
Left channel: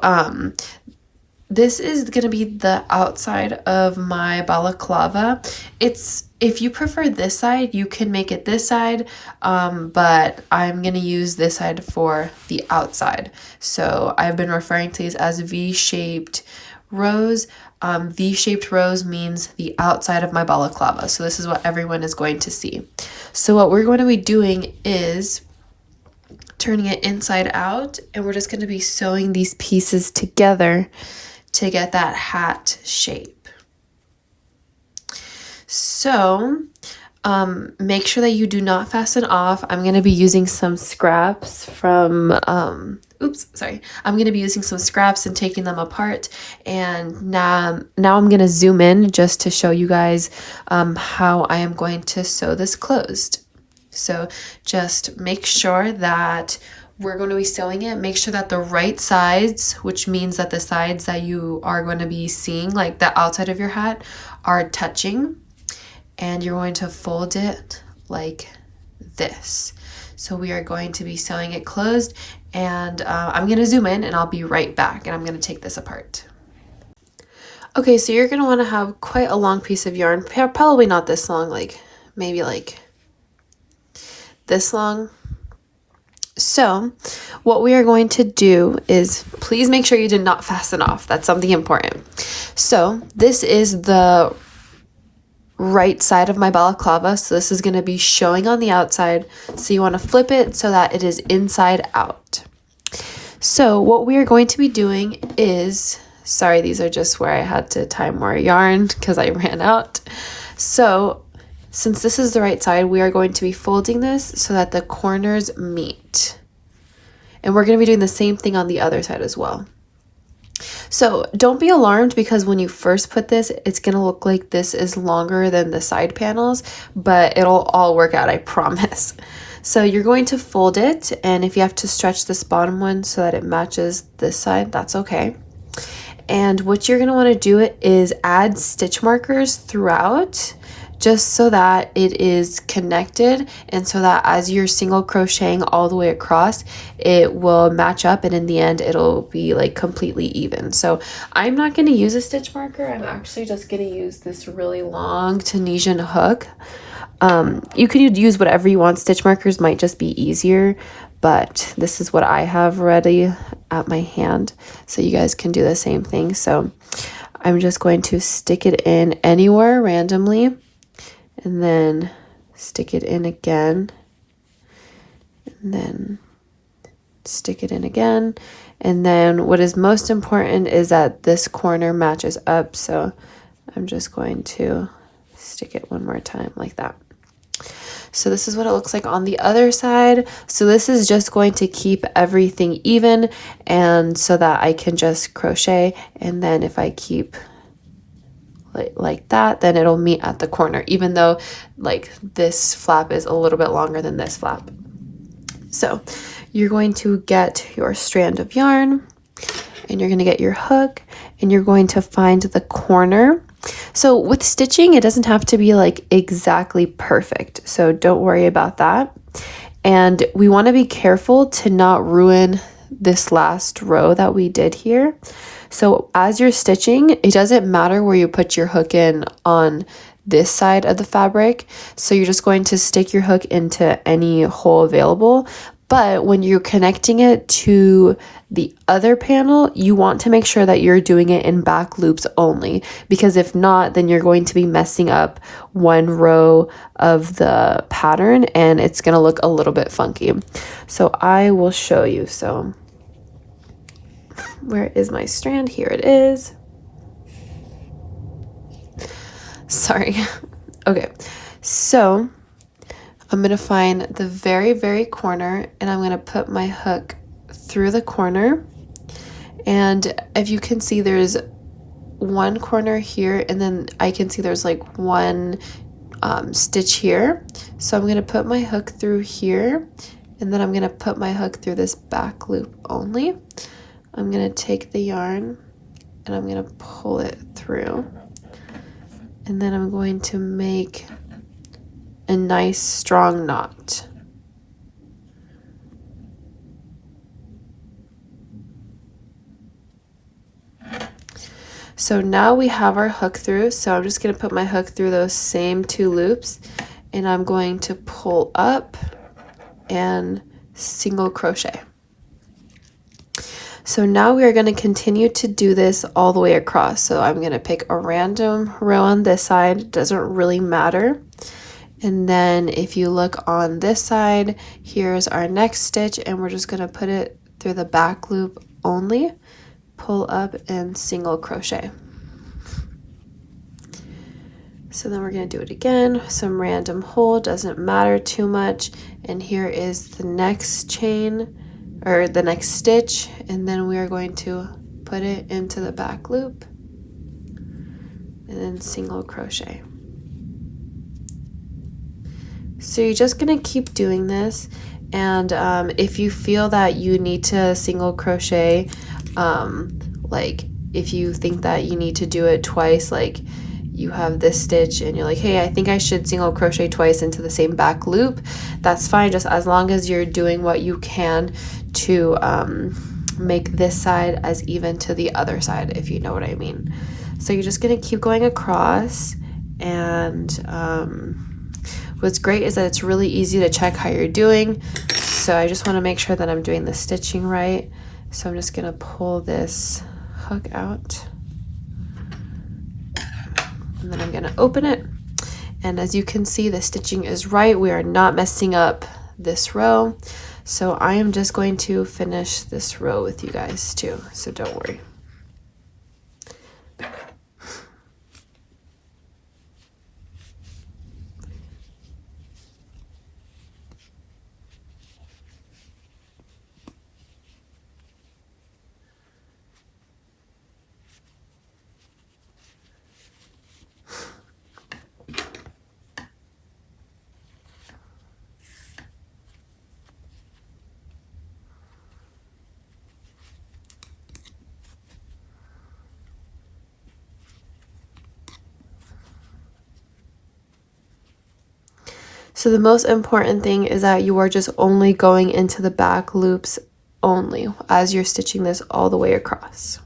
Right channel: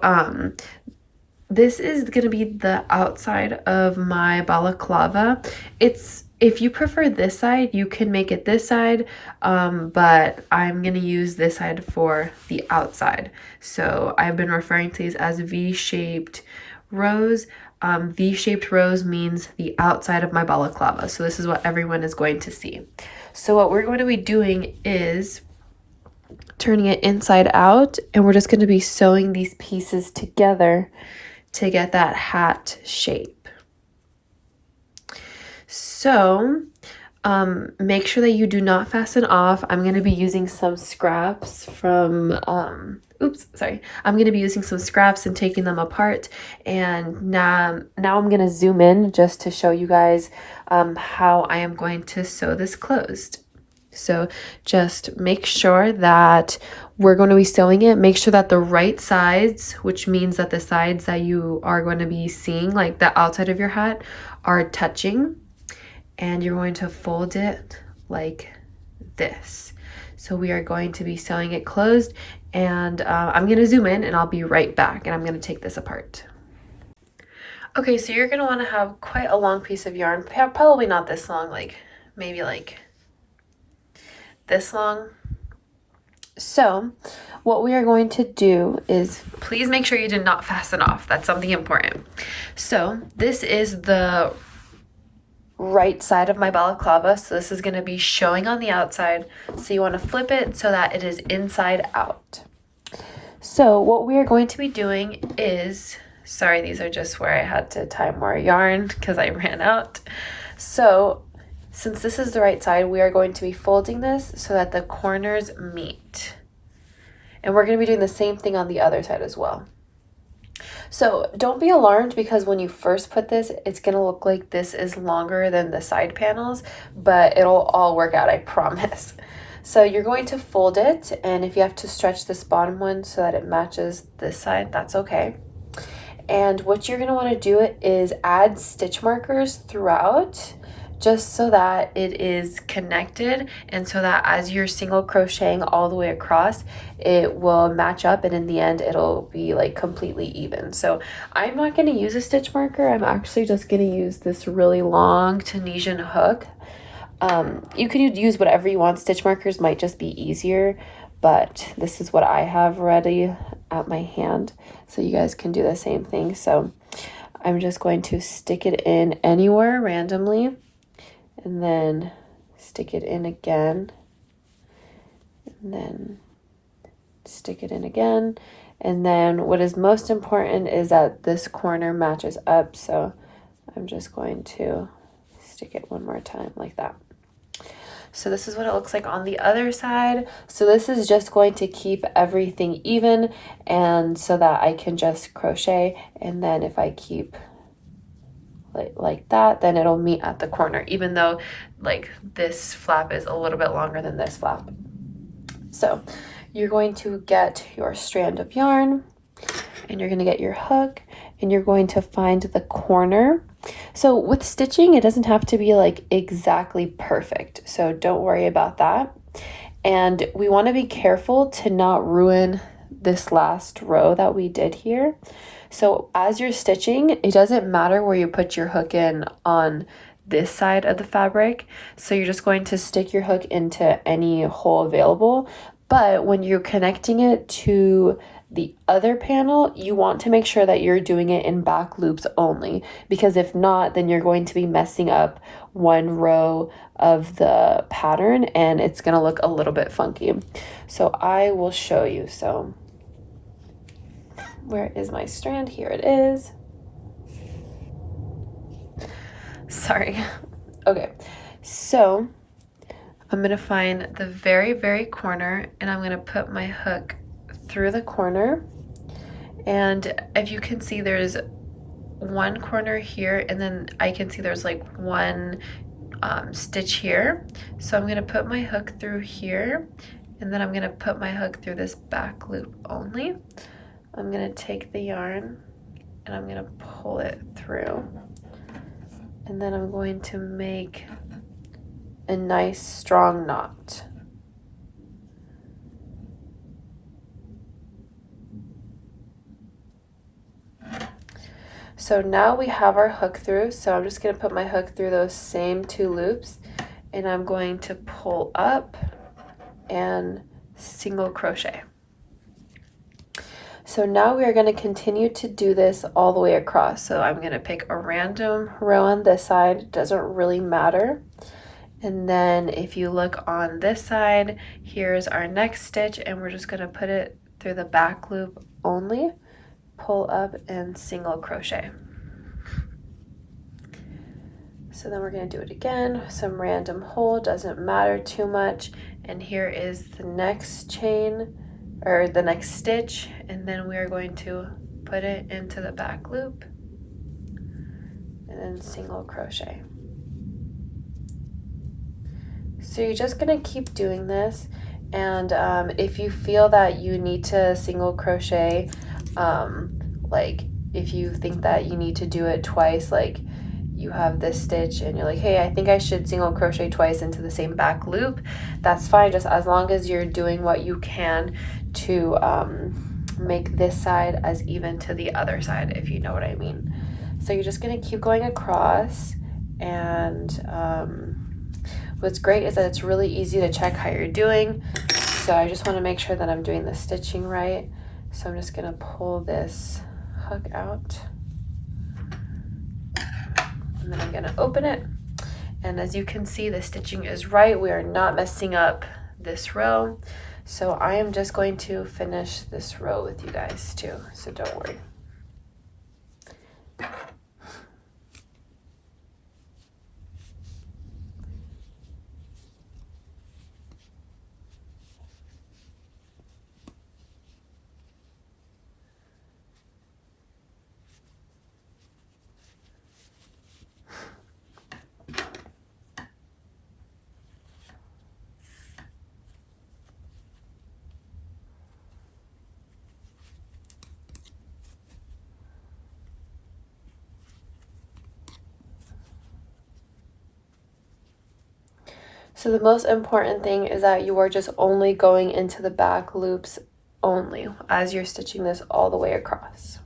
this is going to be the outside of my balaclava. If you prefer this side, you can make it this side, but I'm going to use this side for the outside. So I've been referring to these as V-shaped rows. V-shaped rows means the outside of my balaclava. So this is what everyone is going to see. So what we're going to be doing is turning it inside out, and we're just going to be sewing these pieces together to get that hat shape. So make sure that you do not fasten off. I'm going to be using some scraps from, I'm going to be using some scraps and taking them apart. And now I'm going to zoom in just to show you guys how I am going to sew this closed. So just make sure that we're going to be sewing it. Make sure that the right sides, which means that the sides that you are going to be seeing, like the outside of your hat, are touching. And you're going to fold it like this. So we are going to be sewing it closed, and I'm going to zoom in and I'll be right back, and I'm going to take this apart. Okay, so you're going to want to have quite a long piece of yarn, probably not this long, like maybe like this long. So what we are going to do is, please make sure you did not fasten off. That's something important. So this is the right side of my balaclava. So this is going to be showing on the outside. So you want to flip it so that it is inside out. So what we are going to be doing is, sorry, these are just where I had to tie more yarn because I ran out. So since this is the right side, we are going to be folding this so that the corners meet. And we're going to be doing the same thing on the other side as well. So don't be alarmed, because when you first put this, it's going to look like this is longer than the side panels, but it'll all work out, I promise. So you're going to fold it, and if you have to stretch this bottom one so that it matches this side, that's okay. And what you're going to want to do is add stitch markers throughout, just so that it is connected, and so that as you're single crocheting all the way across, it will match up, and in the end it'll be like completely even. So I'm not going to use a stitch marker. I'm actually just going to use this really long Tunisian hook. You could use whatever you want. Stitch markers might just be easier, but this is what I have ready at my hand, so you guys can do the same thing. So I'm just going to stick it in anywhere randomly, and then stick it in again, and then stick it in again. And then what is most important is that this corner matches up. So I'm just going to stick it one more time like that. So this is what it looks like on the other side. So this is just going to keep everything even, and so that I can just crochet, and then if I keep like that, then it'll meet at the corner, even though like this flap is a little bit longer than this flap. So you're going to get your strand of yarn, and you're going to get your hook, and you're going to find the corner. So with stitching, it doesn't have to be like exactly perfect, so don't worry about that. And we want to be careful to not ruin this last row that we did here. So as you're stitching, it doesn't matter where you put your hook in on this side of the fabric. So you're just going to stick your hook into any hole available. But when you're connecting it to the other panel, you want to make sure that you're doing it in back loops only, because if not, then you're going to be messing up one row of the pattern and it's going to look a little bit funky. So I will show you. So where is my strand? Here it is. Sorry. Okay, so I'm gonna find the very, very corner and I'm gonna put my hook through the corner. And if you can see, there's one corner here, and then I can see there's like one stitch here. So I'm gonna put my hook through here, and then I'm gonna put my hook through this back loop only. I'm gonna take the yarn and I'm gonna pull it through. And then I'm going to make a nice strong knot. So now we have our hook through, so I'm just going to put my hook through those same 2 loops, and I'm going to pull up and single crochet. So now we are going to continue to do this all the way across. So I'm going to pick a random row on this side, it doesn't really matter. And then if you look on this side, here's our next stitch, and we're just going to put it through the back loop only, pull up and single crochet. So then we're going to do it again, some random hole, doesn't matter too much. And here is the next chain, or the next stitch, and then we are going to put it into the back loop and then single crochet. So you're just going to keep doing this, and if you feel that you need to single crochet, like if you think that you need to do it twice, like you have this stitch and you're like, hey, I think I should single crochet twice into the same back loop, that's fine, just as long as you're doing what you can to make this side as even to the other side, if you know what I mean. So you're just going to keep going across, and what's great is that it's really easy to check how you're doing. So I just want to make sure that I'm doing the stitching right. So I'm just going to pull this hook out, and then I'm going to open it. And as you can see, the stitching is right. We are not messing up this row. So I am just going to finish this row with you guys too, so don't worry. So the most important thing is that you are just only going into the back loops only as you're stitching this all the way across.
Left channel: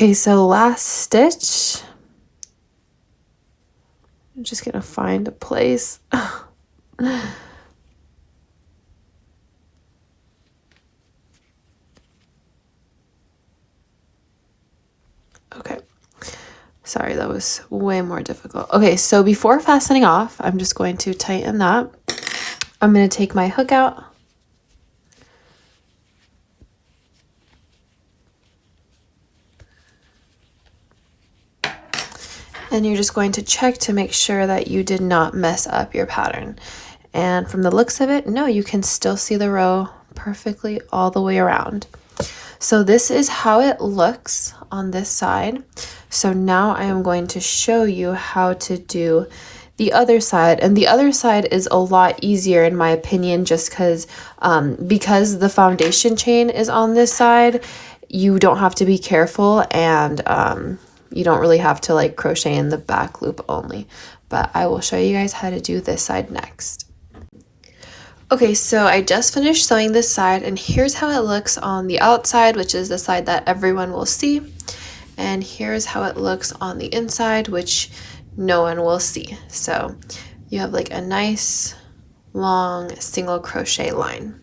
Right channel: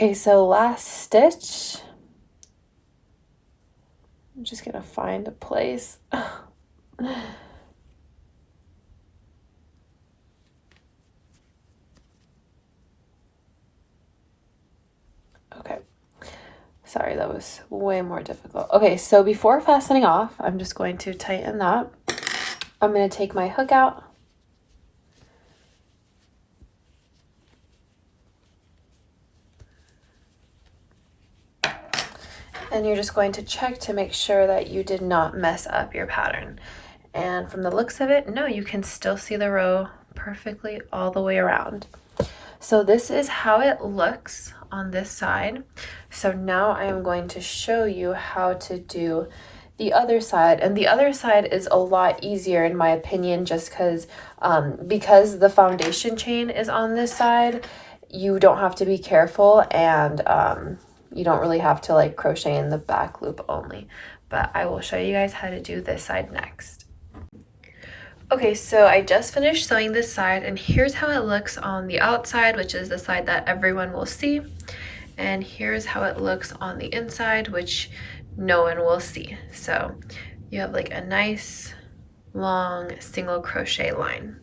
Okay, so last stitch. I'm just gonna find a place. Okay, sorry, that was way more difficult. Okay, so before fastening off, I'm just going to tighten that. I'm gonna take my hook out. And you're just going to check to make sure that you did not mess up your pattern. And from the looks of it, no, you can still see the row perfectly all the way around. So this is how it looks on this side. So now I am going to show you how to do the other side, and the other side is a lot easier in my opinion, just because the foundation chain is on this side, you don't have to be careful, and you don't really have to like crochet in the back loop only. But I will show you guys how to do this side next. Okay, so I just finished sewing this side, and here's how it looks on the outside, which is the side that everyone will see. And here's how it looks on the inside, which no one will see. So you have like a nice long single crochet line.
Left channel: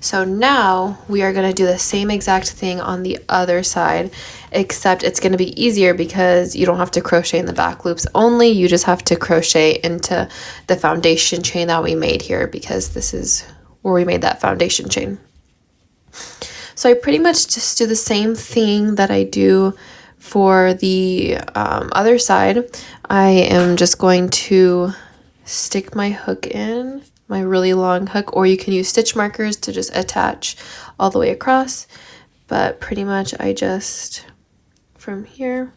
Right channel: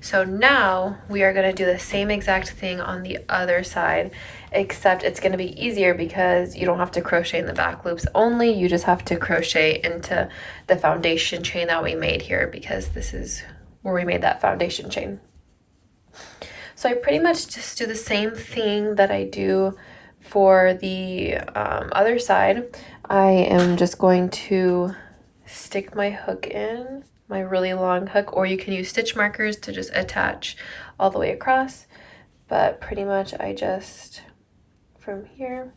So now we are going to do the same exact thing on the other side, except it's going to be easier because you don't have to crochet in the back loops only. You just have to crochet into the foundation chain that we made here, because this is where we made that foundation chain. So I pretty much just do the same thing that I do for the other side. I am just going to stick my hook in, my really long hook, or you can use stitch markers to just attach all the way across. But pretty much I just, from here,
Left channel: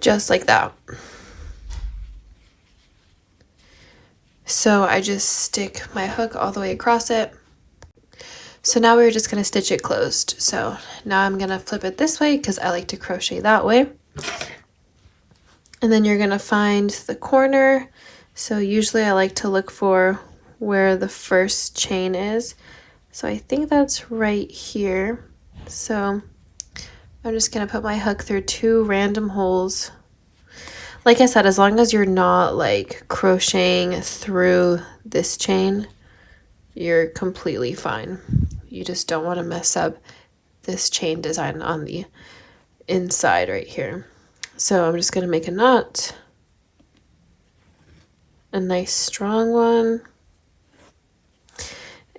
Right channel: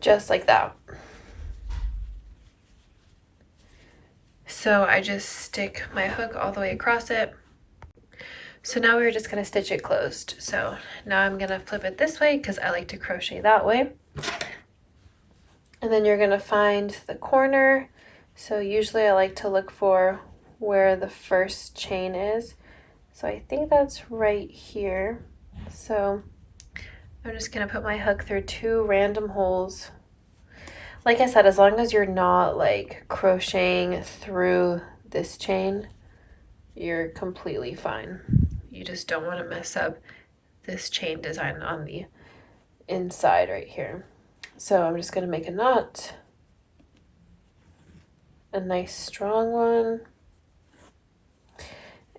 just like that. So I just stick my hook all the way across it. So now we're just going to stitch it closed. So now I'm going to flip it this way because I like to crochet that way. And then you're going to find the corner. So usually I like to look for where the first chain is. So I think that's right here. So I'm just going to put my hook through 2 random holes. Like I said, as long as you're not like crocheting through this chain, you're completely fine. You just don't want to mess up this chain design on the inside right here. So I'm just going to make a knot, a nice strong one,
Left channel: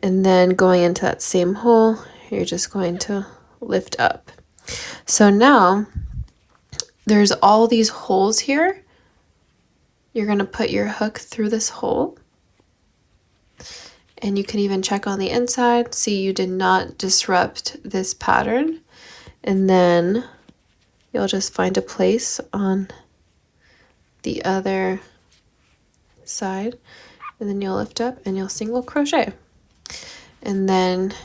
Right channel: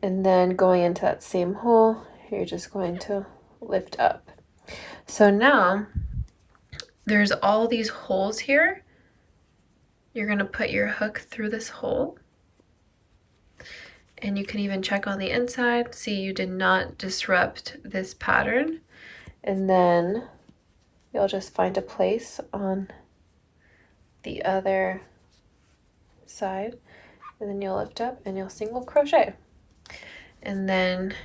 and then going into that same hole, you're just going to lift up. So now there's all these holes here. You're going to put your hook through this hole. And you can even check on the inside, see you did not disrupt this pattern. And then you'll just find a place on the other side, and then you'll lift up and you'll single crochet. And then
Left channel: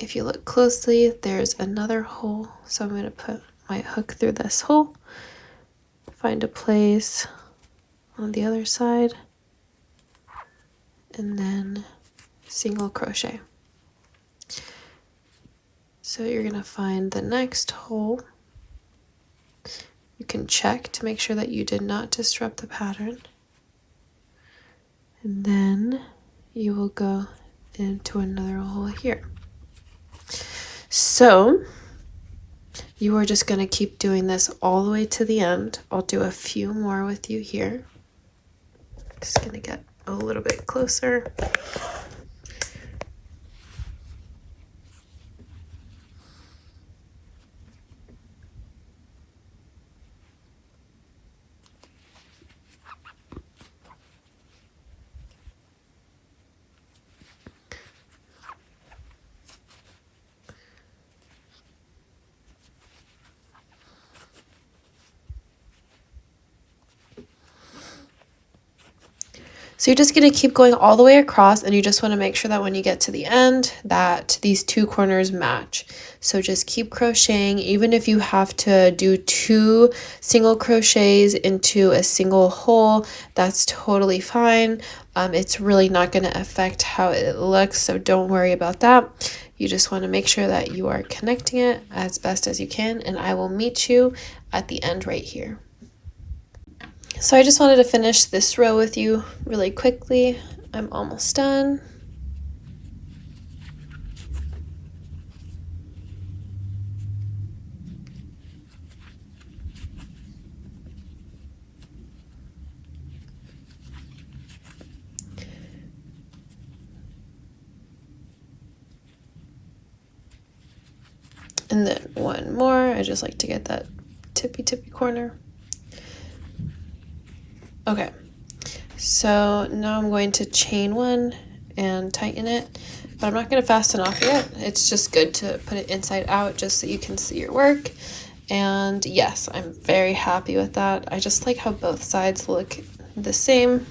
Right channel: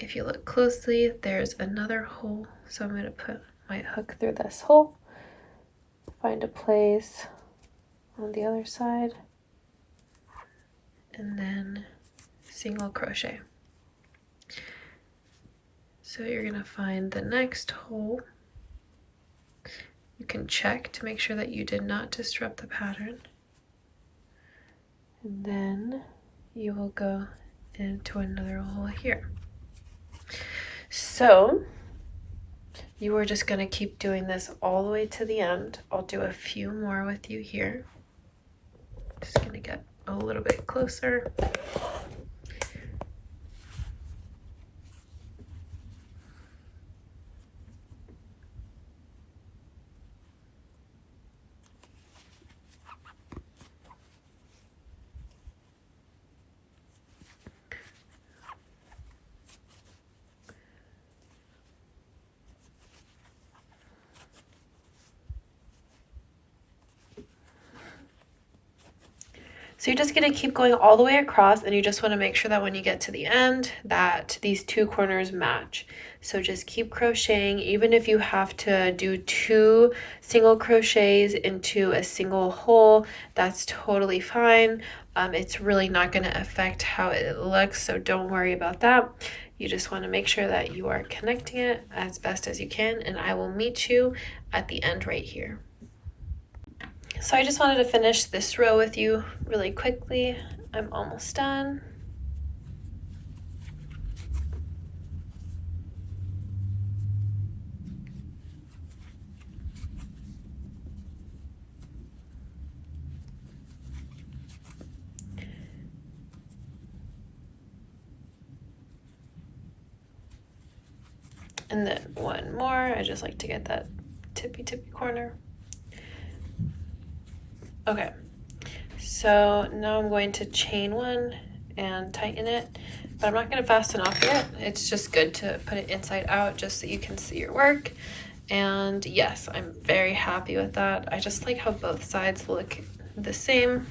if you look closely, there's another hole. So I'm going to put my hook through this hole, find a place on the other side, and then single crochet. So you're going to find the next hole. You can check to make sure that you did not disrupt the pattern. And then you will go into another hole here. So you are just going to keep doing this all the way to the end. I'll do a few more with you here. Just going to get a little bit closer. So you're just going to keep going all the way across, and you just want to make sure that when you get to the end that these two corners match. So just keep crocheting, even if you have to do 2 single crochets into a single hole, that's totally fine. It's really not going to affect how it looks, so don't worry about that. You just want to make sure that you are connecting it as best as you can, and I will meet you at the end right here. So I just wanted to finish this row with you really quickly. I'm almost done. And then one more. I just like to get that tippy corner. Okay, so now I'm going to chain 1 and tighten it, but I'm not going to fasten off yet. It's just good to put it inside out just so you can see your work. And yes, I'm very happy with that. I just like how both sides look the same.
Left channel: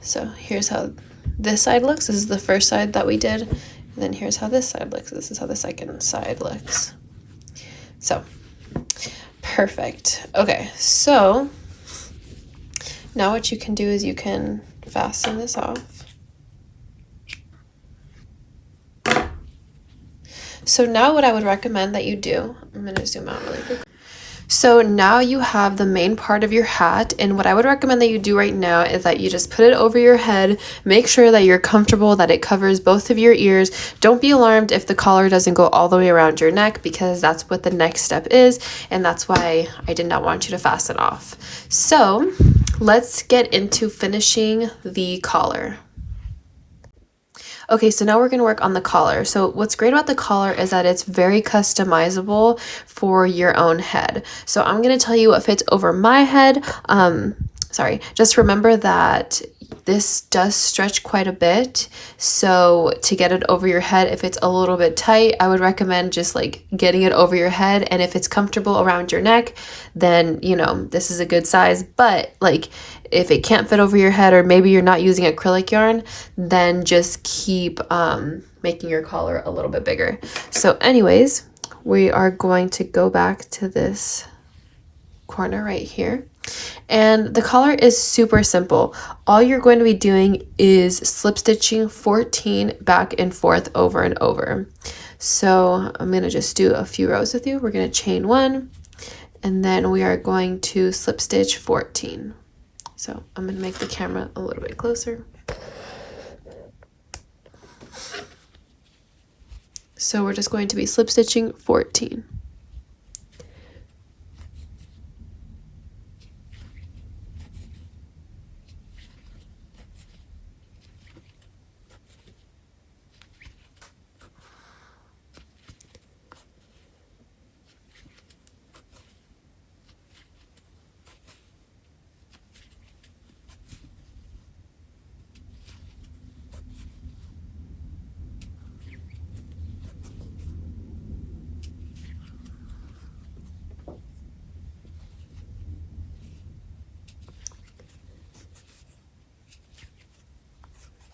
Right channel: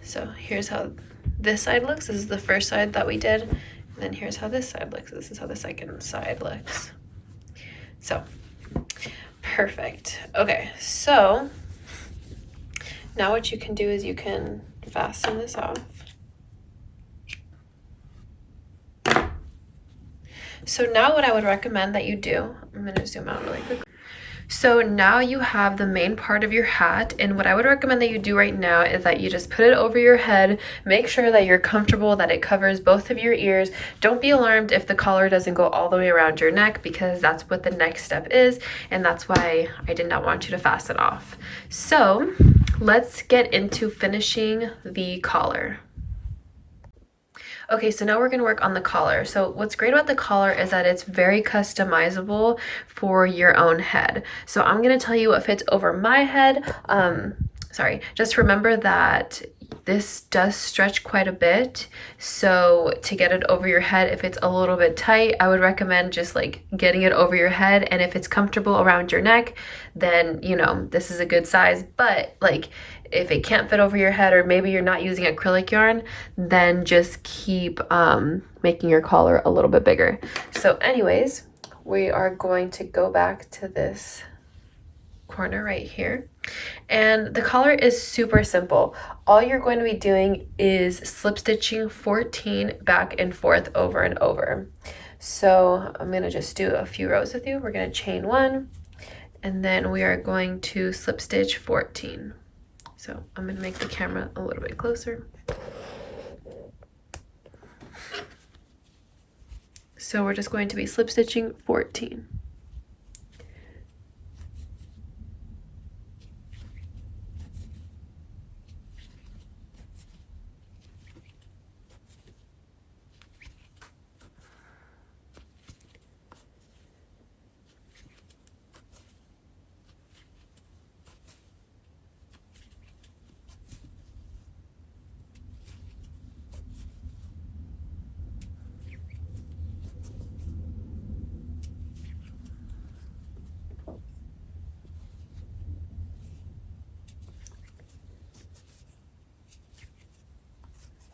So here's how this side looks. This is the first side that we did. And then here's how this side looks. This is how the second side looks. So, perfect. Okay, so now what you can do is you can fasten this off. So now what I would recommend that you do, I'm going to zoom out really quick. So now you have the main part of your hat, and what I would recommend that you do right now is that you just put it over your head. Make sure that you're comfortable, that it covers both of your ears. Don't be alarmed if the collar doesn't go all the way around your neck, because that's what the next step is, and that's why I did not want you to fasten off. So let's get into finishing the collar. Okay, so now we're going to work on the collar. So what's great about the collar is that it's very customizable for your own head. So I'm going to tell you what fits over my head. Just remember that this does stretch quite a bit. So to get it over your head, if it's a little bit tight, I would recommend just like getting it over your head. And if it's comfortable around your neck, then, you know, this is a good size. But like, if it can't fit over your head, or maybe you're not using acrylic yarn, then just keep making your collar a little bit bigger. So anyways, we are going to go back to this corner right here. And the collar is super simple. All you're going to be doing is slip stitching 14 back and forth over and over. So I'm going to just do a few rows with you. We're going to chain 1, and then we are going to slip stitch 14. So I'm going to make the camera a little bit closer. So we're just going to be slip stitching 14.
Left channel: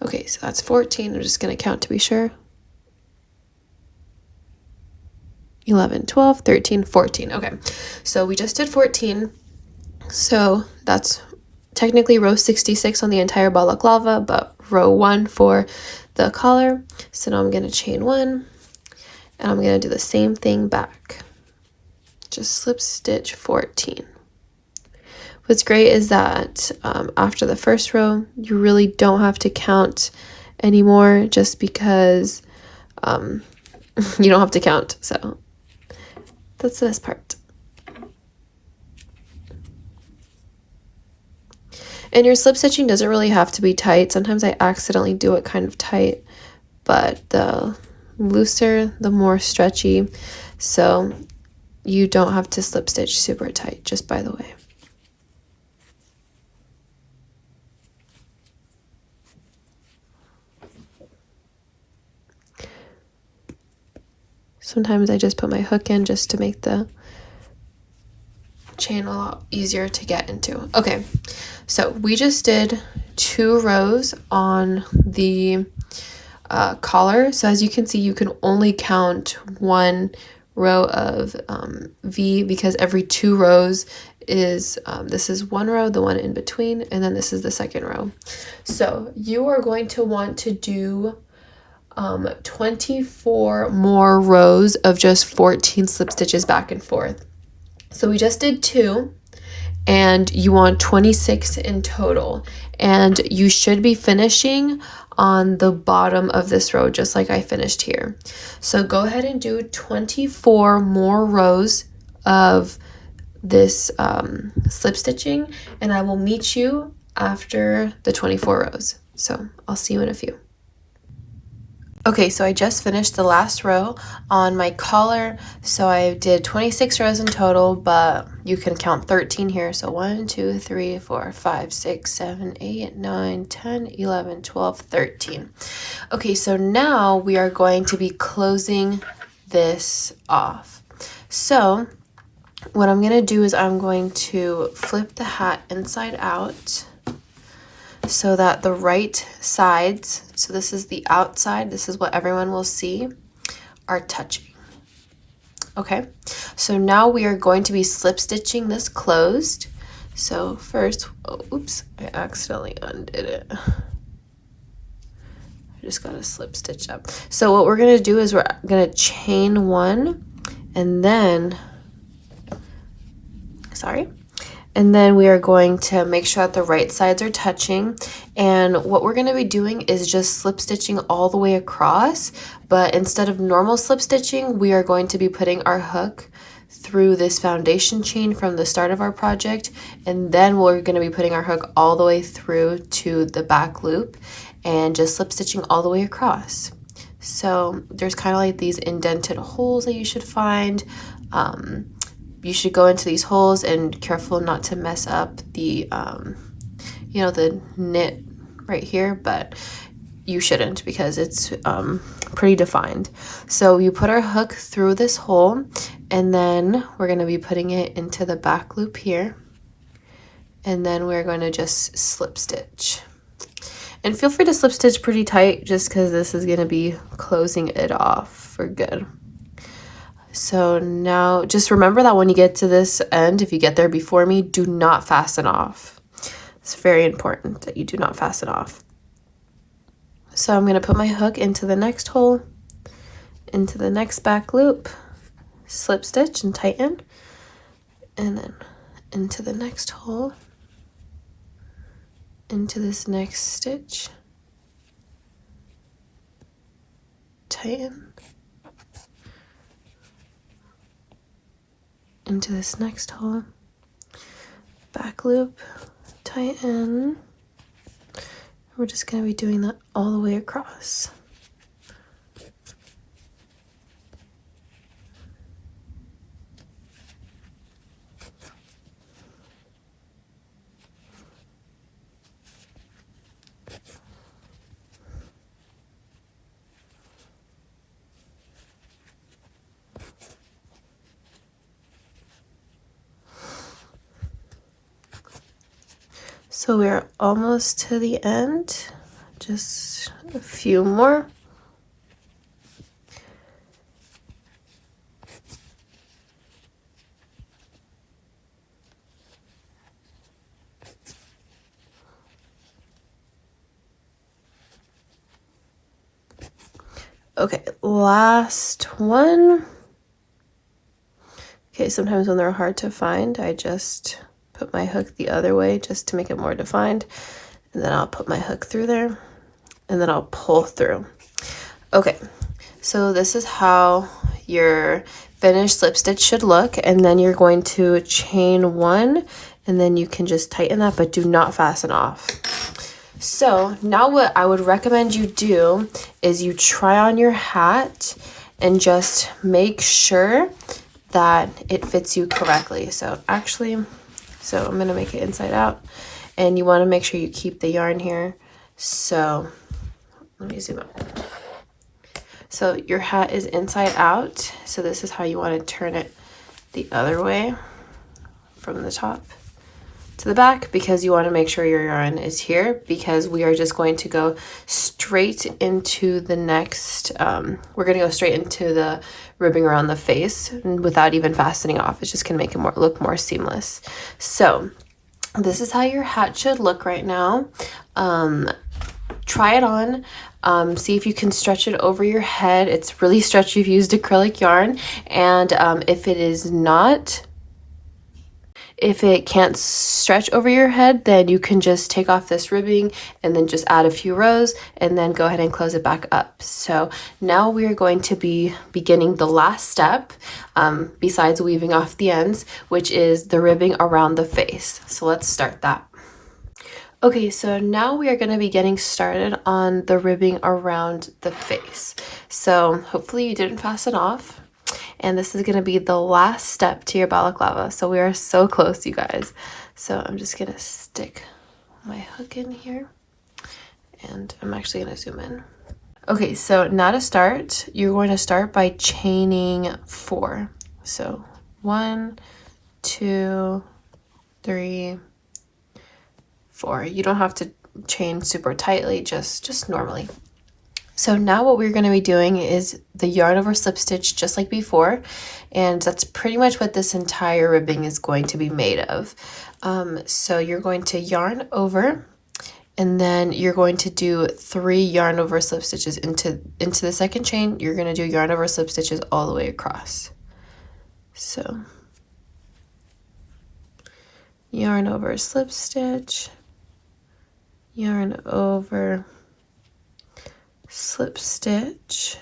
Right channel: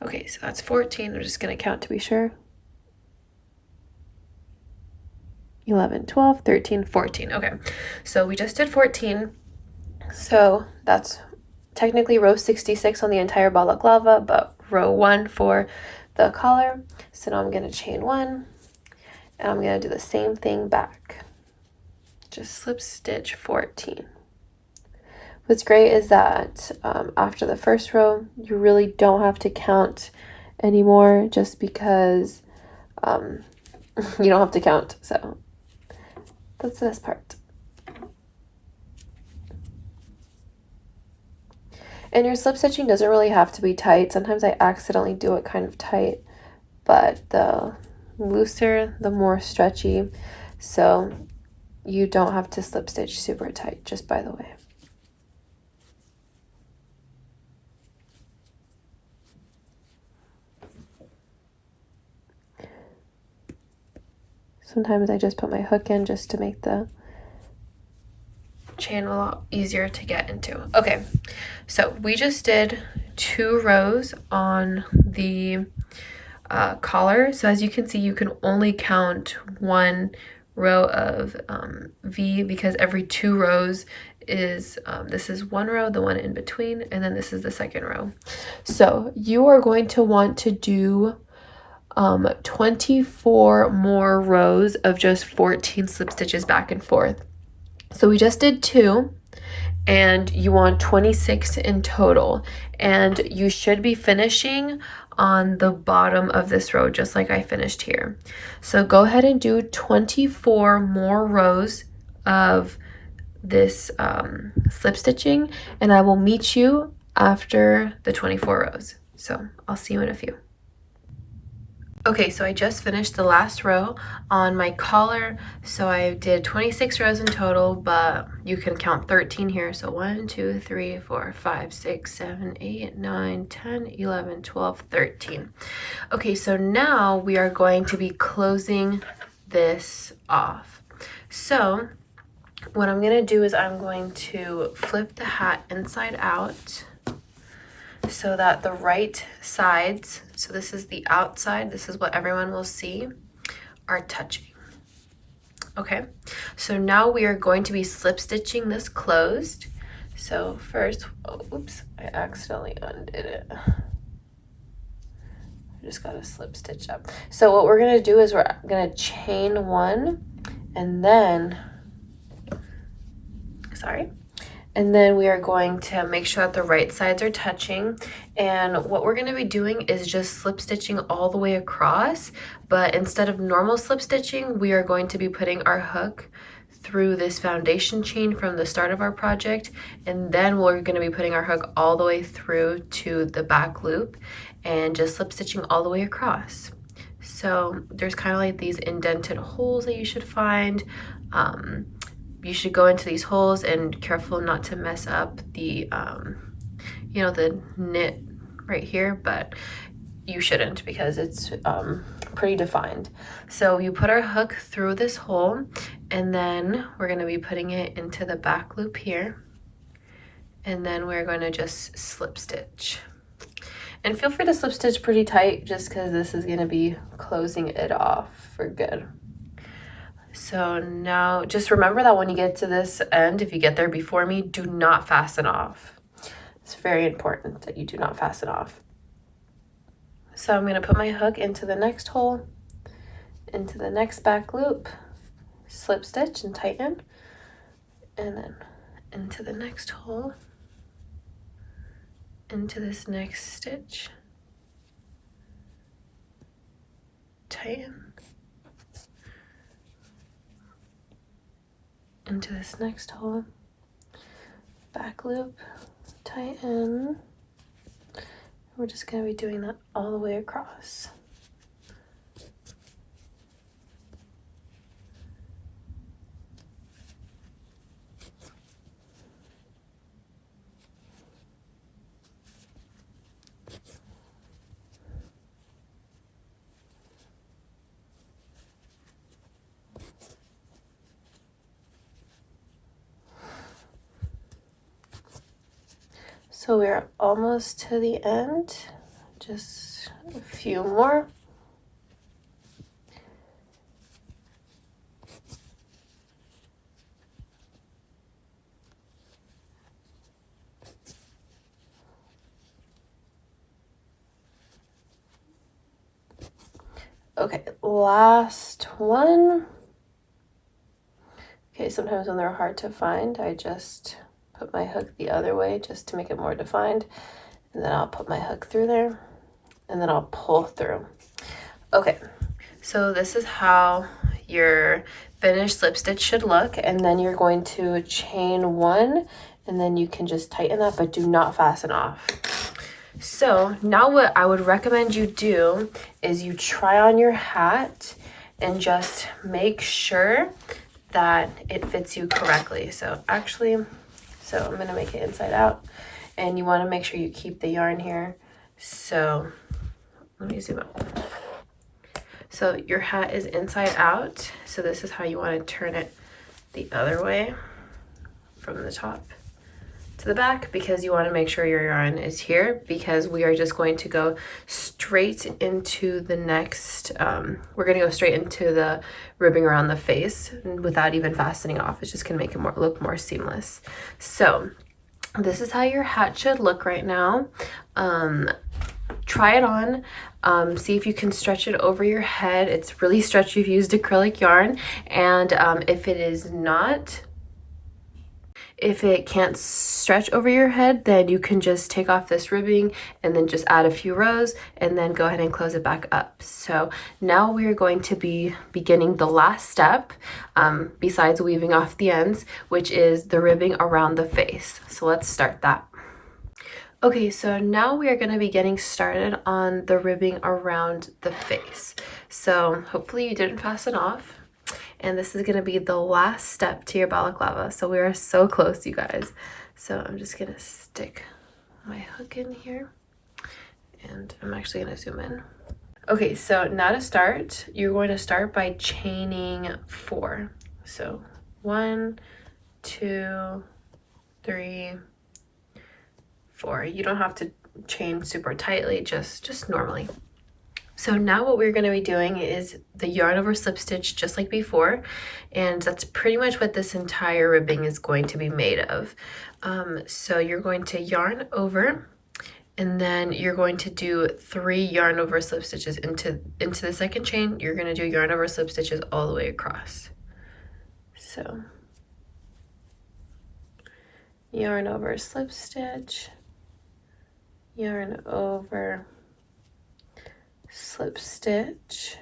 Okay, so that's 14. I'm just going to count to be sure. 11, 12, 13, 14. Okay, so we just did 14. So that's technically row 66 on the entire balaclava, but row 1 for the collar. So now I'm going to chain 1, and I'm going to do the same thing back. Just slip stitch 14. What's great is that after the first row, you really don't have to count anymore, just because you don't have to count. So that's this part. And your slip stitching doesn't really have to be tight. Sometimes I accidentally do it kind of tight, but the looser, the more stretchy. So you don't have to slip stitch super tight, just by the way. Sometimes I just put my hook in just to make the chain a lot easier to get into. Okay, so we just did 2 rows on the collar. So as you can see, you can only count 1 row of V, because every 2 rows is this is 1 row, the one in between, and then this is the second row. So you are going to want to do 24 more rows of just 14 slip stitches back and forth. So we just did 2, and you want 26 in total, and you should be finishing on the bottom of this row just like I finished here. So go ahead and do 24 more rows of this slip stitching, and I will meet you after the 24 rows. So I'll see you in a few. Okay, so I just finished the last row on my collar. So I did 26 rows in total, but you can count 13 here. So 1, 2, 3, 4, 5, 6, 7, 8, 9, 10, 11, 12, 13. Okay, so now we are going to be closing this off. So what I'm going to do is I'm going to flip the hat inside out so that the right sides, so this is the outside, this is what everyone will see, are touching. Okay, so now we are going to be slip stitching this closed. So first, oops, I accidentally undid it. I just got to slip stitch up. So what we're going to do is we're going to chain 1, and then, and then we are going to make sure that the right sides are touching. And what we're going to be doing is just slip stitching all the way across, but instead of normal slip stitching, we are going to be putting our hook through this foundation chain from the start of our project, and then we're going to be putting our hook all the way through to the back loop and just slip stitching all the way across. So there's kind of like these indented holes that you should find. You should go into these holes and careful not to mess up the, you know, the knit right here, but you shouldn't because it's pretty defined. So you put our hook through this hole, and then we're going to be putting it into the back loop here, and then we're going to just slip stitch. And feel free to slip stitch pretty tight just because this is going to be closing it off for good. So now just remember that when you get to this end, if you get there before me, do not fasten off. It's very important that you do not fasten off. So I'm going to put my hook into the next hole, into the next back loop, slip stitch and tighten, and then into the next hole, into this next stitch, tighten, into this next hole, back loop, tighten. We're just going to be doing that all the way across. So we're almost to the end, just a few more. Okay, last one. Okay, sometimes when they're hard to find, I just put my hook the other way just to make it more defined, and then I'll put my hook through there, and then I'll pull through. Okay, so this is how your finished slip stitch should look, and then you're going to chain 1, and then you can just tighten that, but do not fasten off. So now what I would recommend you do is you try on your hat and just make sure that it fits you correctly. So I'm gonna make it inside out, and you want to make sure you keep the yarn here. So let me zoom out. So your hat is inside out, so this is how you want to turn it the other way. from the top to the back, because you want to make sure your yarn is here, because we are just going to go straight into the next, we're going to go straight into the ribbing around the face without even fastening off. It's just going to make it look more seamless. So this is how your hat should look right now. Try it on. See if you can stretch it over your head. It's really stretchy if you used acrylic yarn, and if it is not, if it can't stretch over your head, then you can just take off this ribbing and then just add a few rows and then go ahead and close it back up. So now we are going to be beginning the last step, besides weaving off the ends, which is the ribbing around the face. So let's start that. Okay, so now we are going to be getting started on the ribbing around the face. So hopefully you didn't fasten off. And this is going to be the last step to your balaclava. So we are so close, you guys. So I'm just going to stick my hook in here. And I'm actually going to zoom in. Okay, so now to start, you're going to start by chaining 4. So 1, 2, 3, 4. You don't have to chain super tightly, just normally. So now what we're going to be doing is the yarn over slip stitch just like before, and that's pretty much what this entire ribbing is going to be made of. So you're going to yarn over, and then you're going to do 3 yarn over slip stitches into the second chain. You're going to do yarn over slip stitches all the way across. So yarn over slip stitch, yarn over slip stitch,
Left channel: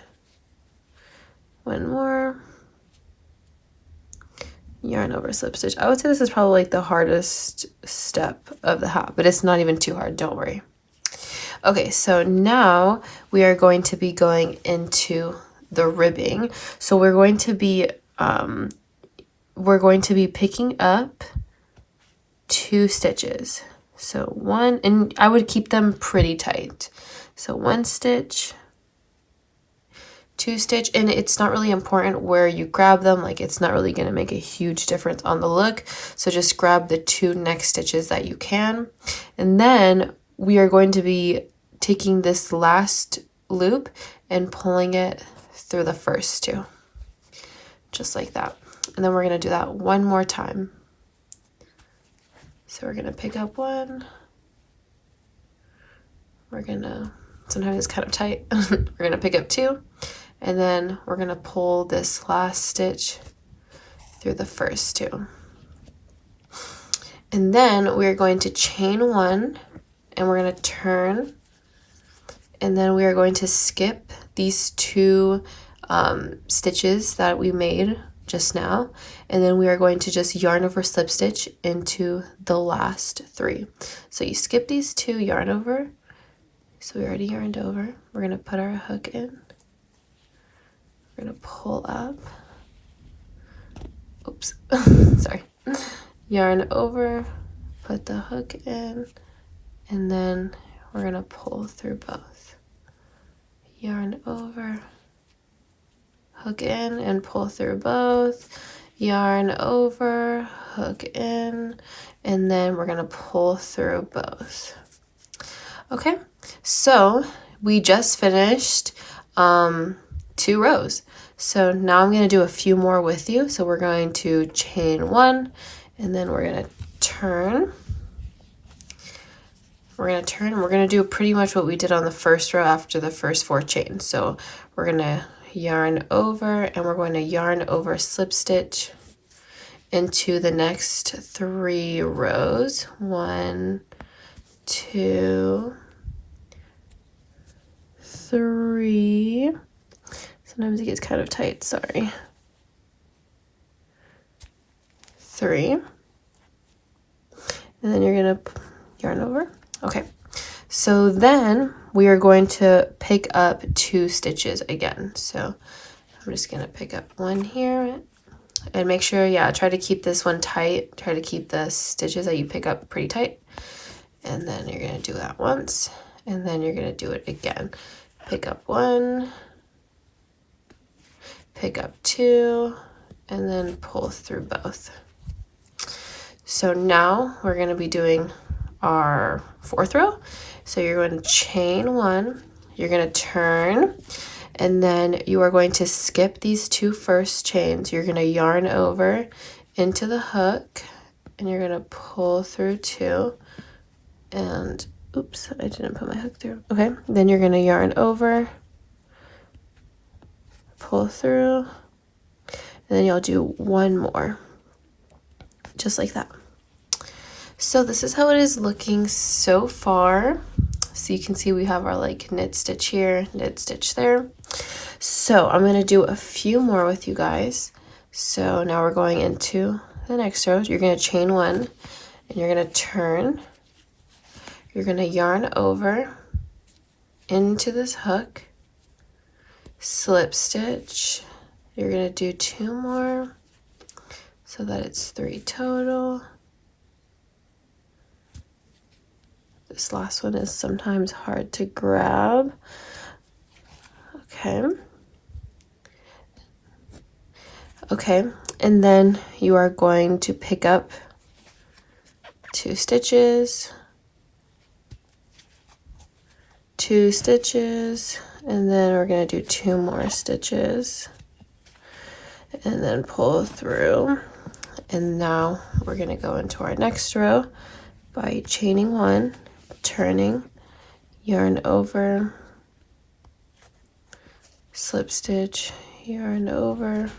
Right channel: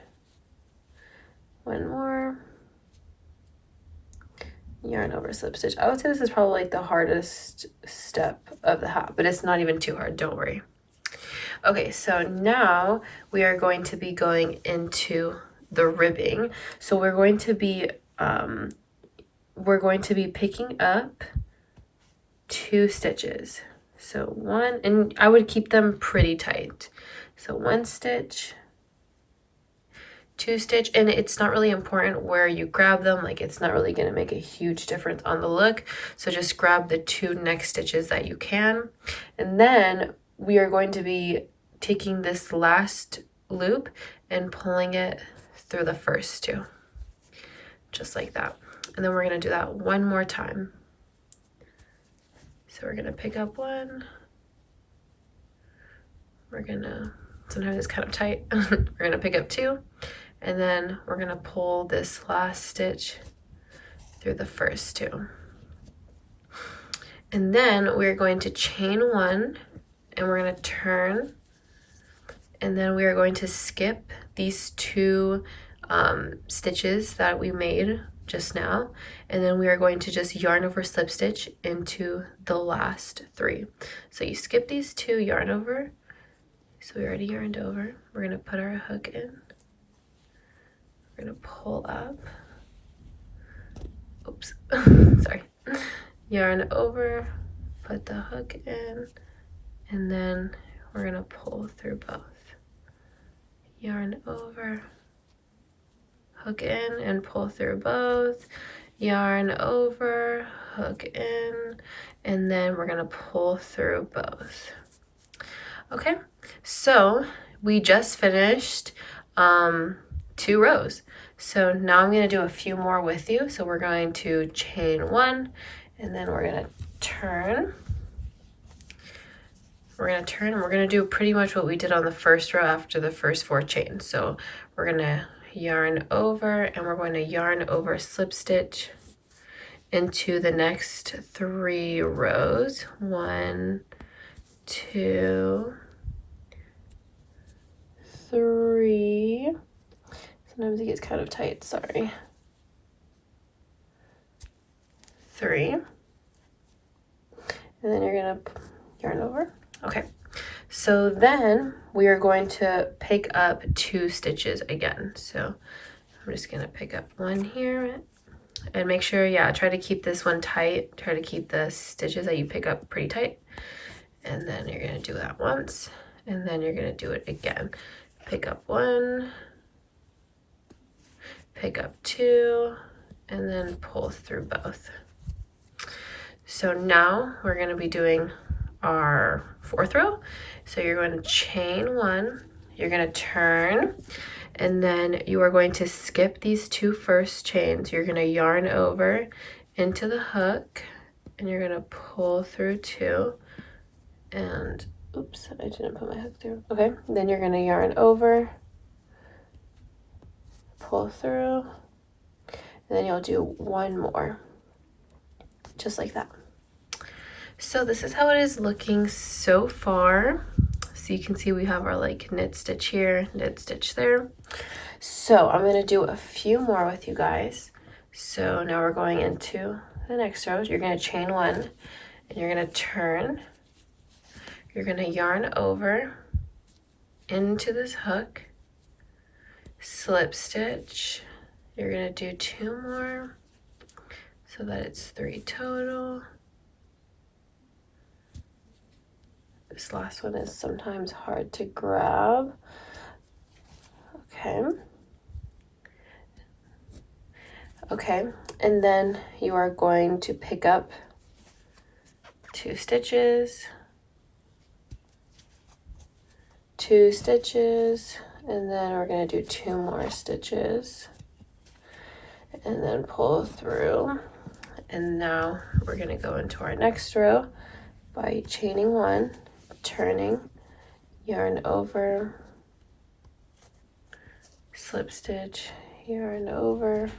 1 more, yarn over slip stitch. I would say this is probably like the hardest step of the hat, but it's not even too hard, don't worry. Okay, so now we are going to be going into the ribbing. So we're going to be picking up 2 stitches. So 1, and I would keep them pretty tight. So 1 stitch, 2 stitch, and it's not really important where you grab them. Like, it's not really going to make a huge difference on the look. So just grab the 2 next stitches that you can. And then we are going to be taking this last loop and pulling it through the first 2, just like that. And then we're going to do that 1 more time. So we're going to pick up 1. We're going to, sometimes it's kind of tight. We're going to pick up 2, and then we're going to pull this last stitch through the first 2. And then we're going to chain 1, and we're going to turn, and then we are going to skip these 2 stitches that we made just now, and then we are going to just yarn over slip stitch into the last 3. So you skip these 2, yarn over. So we already yarned over. We're going to put our hook in. We're going to pull up. Oops, sorry. Yarn over, put the hook in, and then we're going to pull through both. Yarn over, hook in, and pull through both. Yarn over, hook in, and then we're going to pull through both. Okay, so we just finished 2 rows. So now I'm going to do a few more with you. So we're going to chain 1, and then we're going to turn. We're going to turn, and we're going to do pretty much what we did on the first row after the first 4 chains. So we're going to yarn over, and we're going to yarn over slip stitch into the next 3 rows. 1, 2, 3. Sometimes it gets kind of tight, sorry. 3. And then you're gonna yarn over. Okay, so then we are going to pick up 2 stitches again. So I'm just gonna pick up 1 here, and make sure, yeah, try to keep this one tight. Try to keep the stitches that you pick up pretty tight. And then you're gonna do that once, and then you're gonna do it again. Pick up 1, pick up 2, and then pull through both. So now we're going to be doing our 4th row. So you're going to chain 1, you're going to turn, and then you are going to skip these 2 first chains. You're going to yarn over into the hook, and you're going to pull through 2, and oops, I didn't put my hook through. Okay, then you're going to yarn over, pull through, and then you'll do 1 more, just like that. So this is how it is looking so far. So you can see we have our like knit stitch here, knit stitch there. So I'm going to do a few more with you guys. So now we're going into the next row. You're going to chain 1, and you're going to turn. You're going to yarn over into this hook, slip stitch. You're going to do 2 more so that it's 3 total. This last one is sometimes hard to grab. Okay. Okay, and then you are going to pick up 2 stitches, 2 stitches, and then we're going to do 2 more stitches, and then pull through. And now we're going to go into our next row by chaining 1, turning, yarn over, slip stitch, yarn over,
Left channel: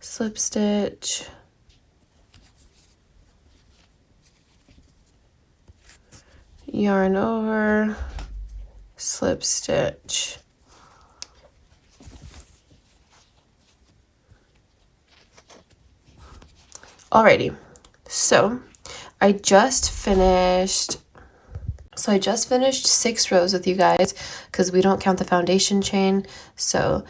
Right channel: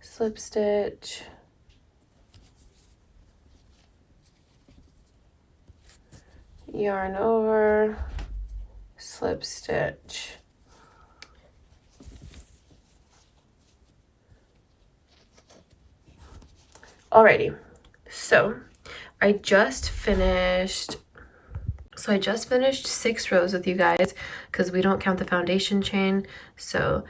slip stitch, yarn over, slip stitch. Alrighty, so I just finished 6 rows with you guys because we don't count the foundation chain. So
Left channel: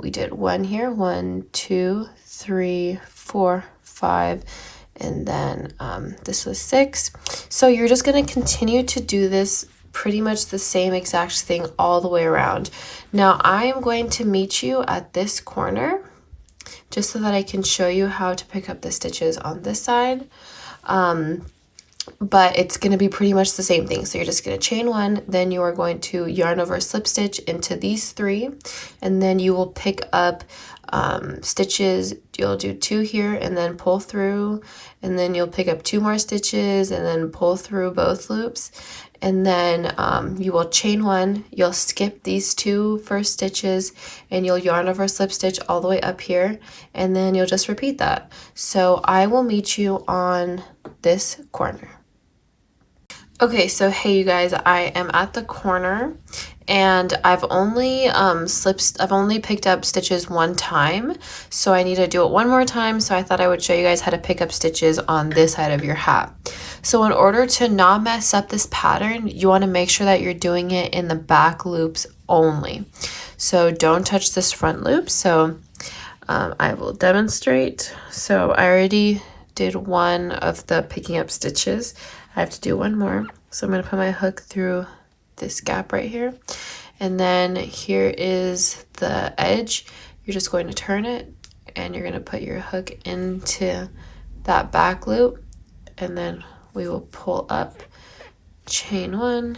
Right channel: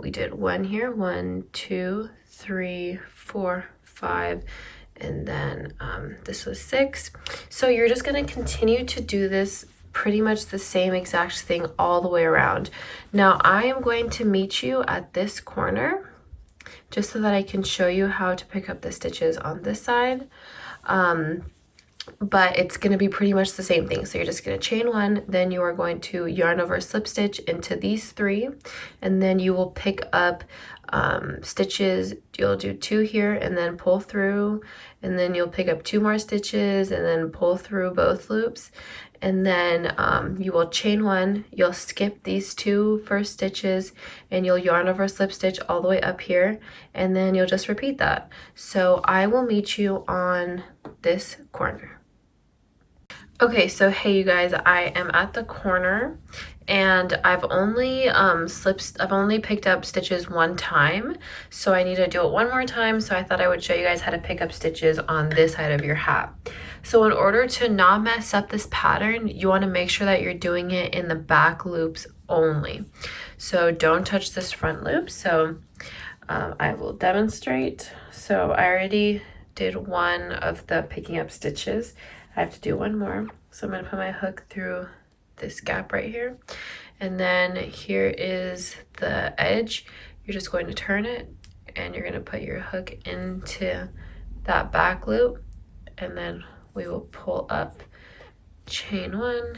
we did 1 here, 1, 2, 3, 4, 5, and then this was 6. So you're just going to continue to do this pretty much the same exact thing all the way around. Now I am going to meet you at this corner just so that I can show you how to pick up the stitches on this side. But it's going to be pretty much the same thing. So you're just going to chain 1, then you are going to yarn over slip stitch into these 3, and then you will pick up stitches. You'll do 2 here and then pull through, and then you'll pick up 2 more stitches and then pull through both loops, and then you will chain 1, you'll skip these 2 first stitches, and you'll yarn over slip stitch all the way up here, and then you'll just repeat that. So I will meet you on this corner. Okay, so hey you guys, I am at the corner, and I've only picked up stitches 1 time, so I need to do it 1 more time. So I thought I would show you guys how to pick up stitches on this side of your hat. So in order to not mess up this pattern, you want to make sure that you're doing it in the back loops only. So don't touch this front loop. So I will demonstrate. So I already did 1 of the picking up stitches. I have to do 1 more. So I'm going to put my hook through this gap right here. And then here is the edge. You're just going to turn it, and you're going to put your hook into that back loop, and then we will pull up, chain 1,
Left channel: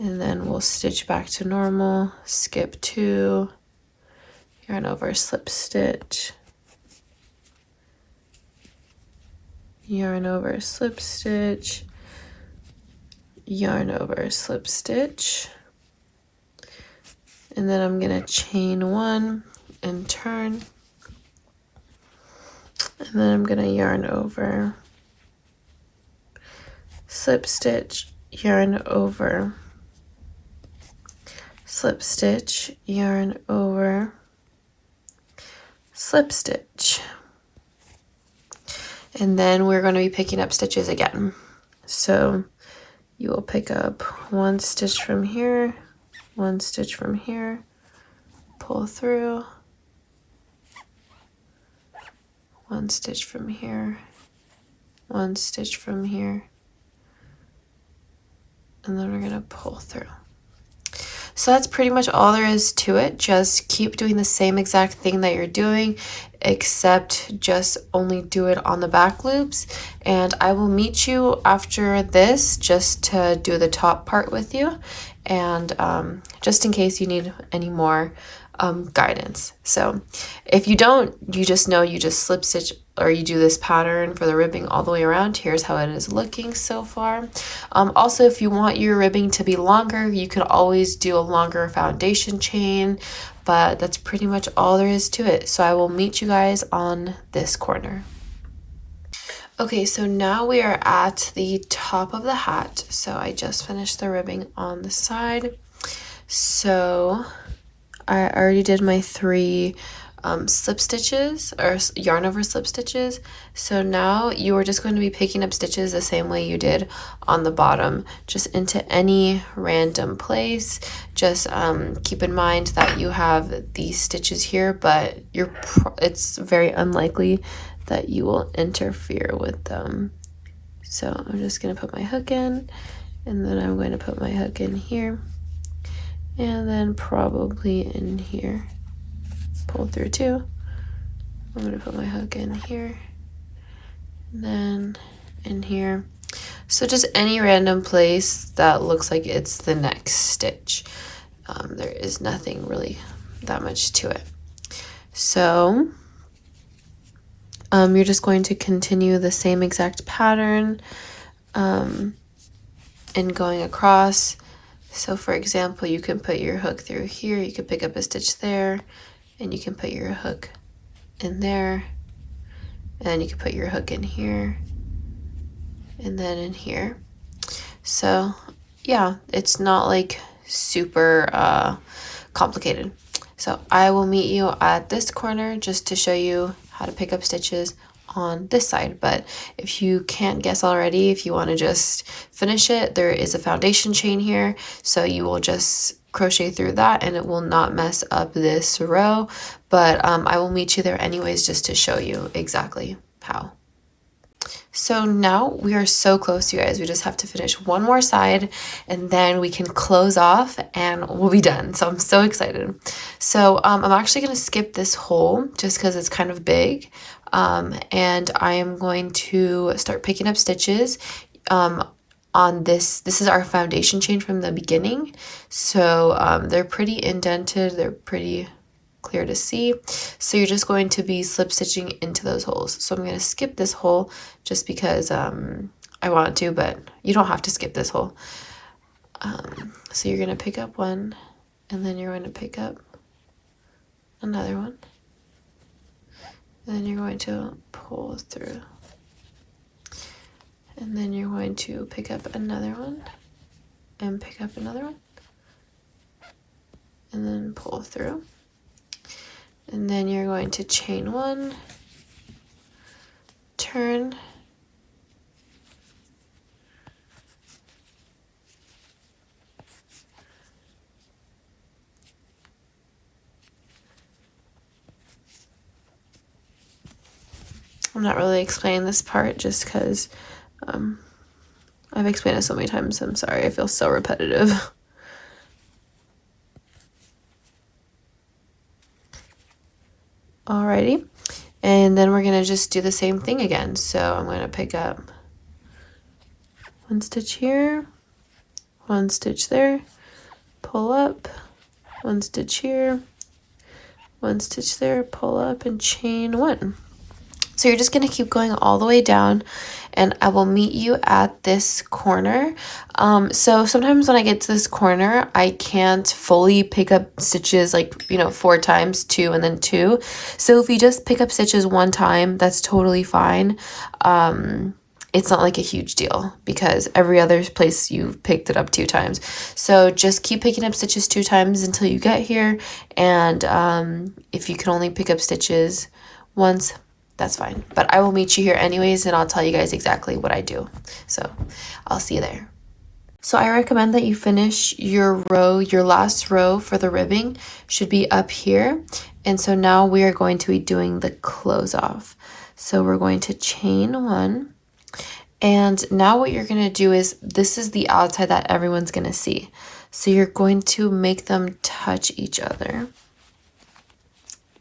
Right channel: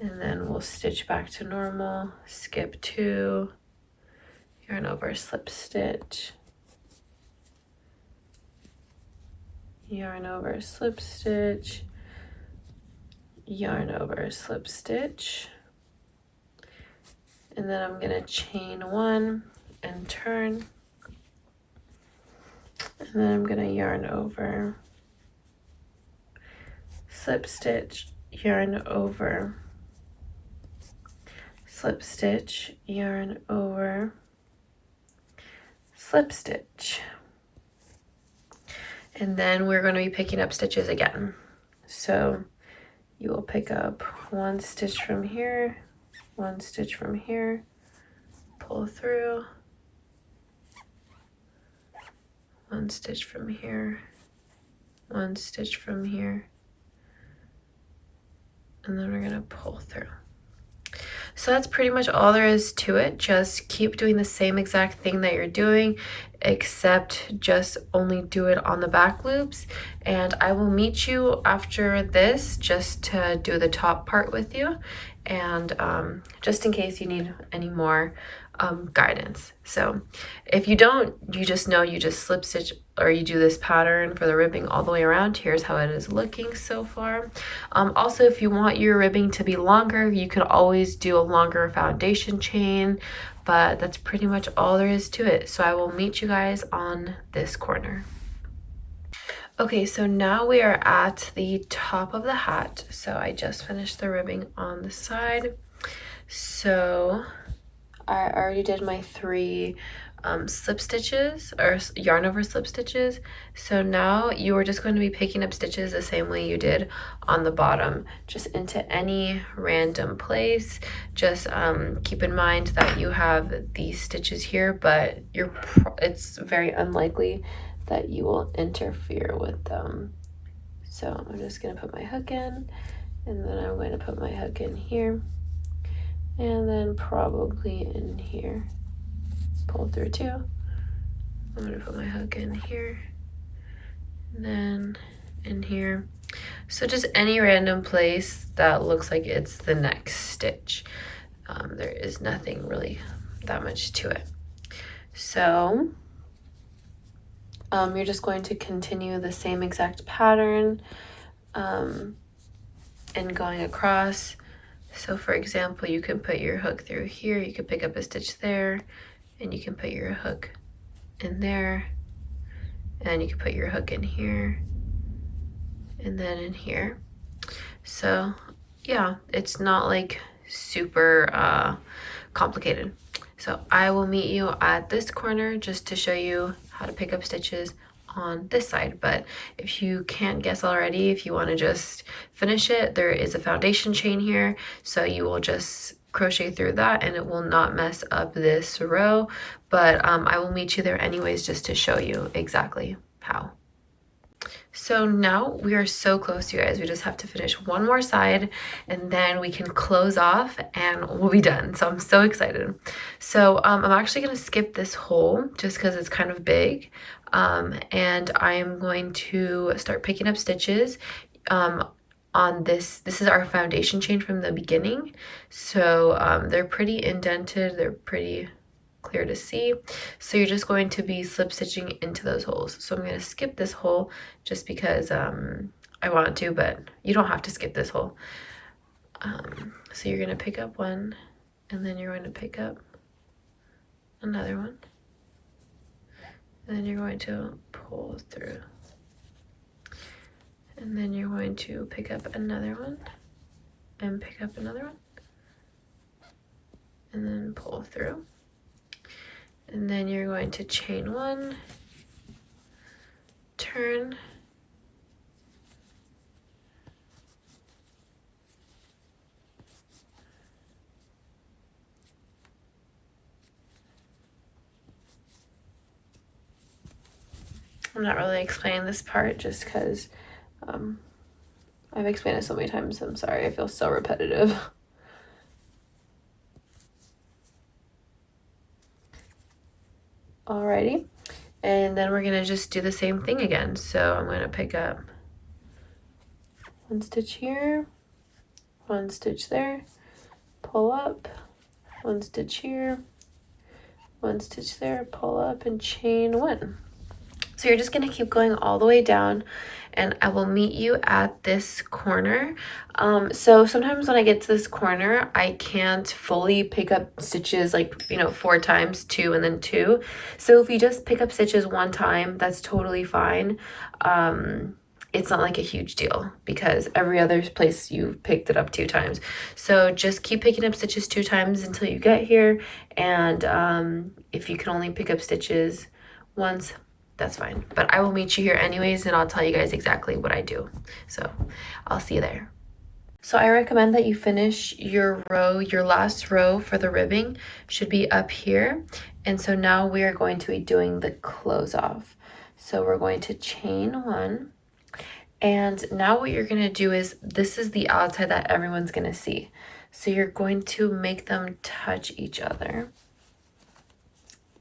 and then we'll stitch back to normal, skip 2, yarn over, slip stitch, yarn over, slip stitch, yarn over, slip stitch, and then I'm going to chain 1 and turn, and then I'm going to yarn over, slip stitch, yarn over, slip stitch, yarn over, slip stitch. And then we're going to be picking up stitches again. So you will pick up 1 stitch from here, 1 stitch from here, pull through, 1 stitch from here, 1 stitch from here, and then we're going to pull through. So that's pretty much all there is to it. Just keep doing the same exact thing that you're doing. except just only do it on the back loops. And I will meet you after this just to do the top part with you, and just in case you need any more guidance. So if you don't, you just know you just slip stitch, or you do this pattern for the ribbing all the way around. Here's how it is looking so far. Also, if you want your ribbing to be longer, you could always do a longer foundation chain, but that's pretty much all there is to it. So I will meet you guys on this corner. Okay, so now we are at the top of the hat. So I just finished the ribbing on the side. So I already did my 3 slip stitches, or yarn over slip stitches. So now you are just going to be picking up stitches the same way you did on the bottom, just into any random place. Just keep in mind that you have these stitches here, but it's very unlikely that you will interfere with them. So I'm just going to put my hook in, and then I'm going to put my hook in here, and then probably in here. Pull through 2. I'm going to put my hook in here, and then in here. So just any random place that looks like it's the next stitch. There is nothing really that much to it. So you're just going to continue the same exact pattern in going across. So for example, you can put your hook through here, you can pick up a stitch there, and you can put your hook in there, and then you can put your hook in here, and then in here. So yeah, it's not like super complicated. So I will meet you at this corner just to show you how to pick up stitches on this side. But if you can't guess already, if you want to just finish it, there is a foundation chain here, so you will just crochet through that and it will not mess up this row. But I will meet you there anyways just to show you exactly how. So now we are so close, you guys. We just have to finish one more side and then we can close off and we'll be done. So I'm so excited. So I'm actually going to skip this hole just because it's kind of big. And I am going to start picking up stitches on this. This is our foundation chain from the beginning. So they're pretty indented. They're pretty clear to see. So you're just going to be slip stitching into those holes. So I'm going to skip this hole just because I want to, but you don't have to skip this hole. So you're going to pick up one, and then you're going to pick up another one, and then you're going to pull through, and then you're going to pick up another one and pick up another one, and then pull through. And then you're going to chain 1, turn, I'm not really explaining this part just because I've explained it so many times. I'm sorry, I feel so repetitive. Alrighty, and then we're gonna just do the same thing again. So I'm gonna pick up 1 stitch here, 1 stitch there, pull up, 1 stitch here, 1 stitch there, pull up, and chain 1. So you're just gonna keep going all the way down, and I will meet you at this corner. So sometimes when I get to this corner, I can't fully pick up stitches, like, 4 times, 2 and then 2. So if you just pick up stitches 1 time, that's totally fine. It's not like a huge deal because every other place you've picked it up 2 times. So just keep picking up stitches 2 times until you get here. And if you can only pick up stitches once, that's fine. But I will meet you here anyways, and I'll tell you guys exactly what I do. So I'll see you there. So I recommend that you finish your row, your last row for the ribbing should be up here. And so now we are going to be doing the close off. So we're going to chain 1. And now what you're going to do is, this is the outside that everyone's going to see. So you're going to make them touch each other.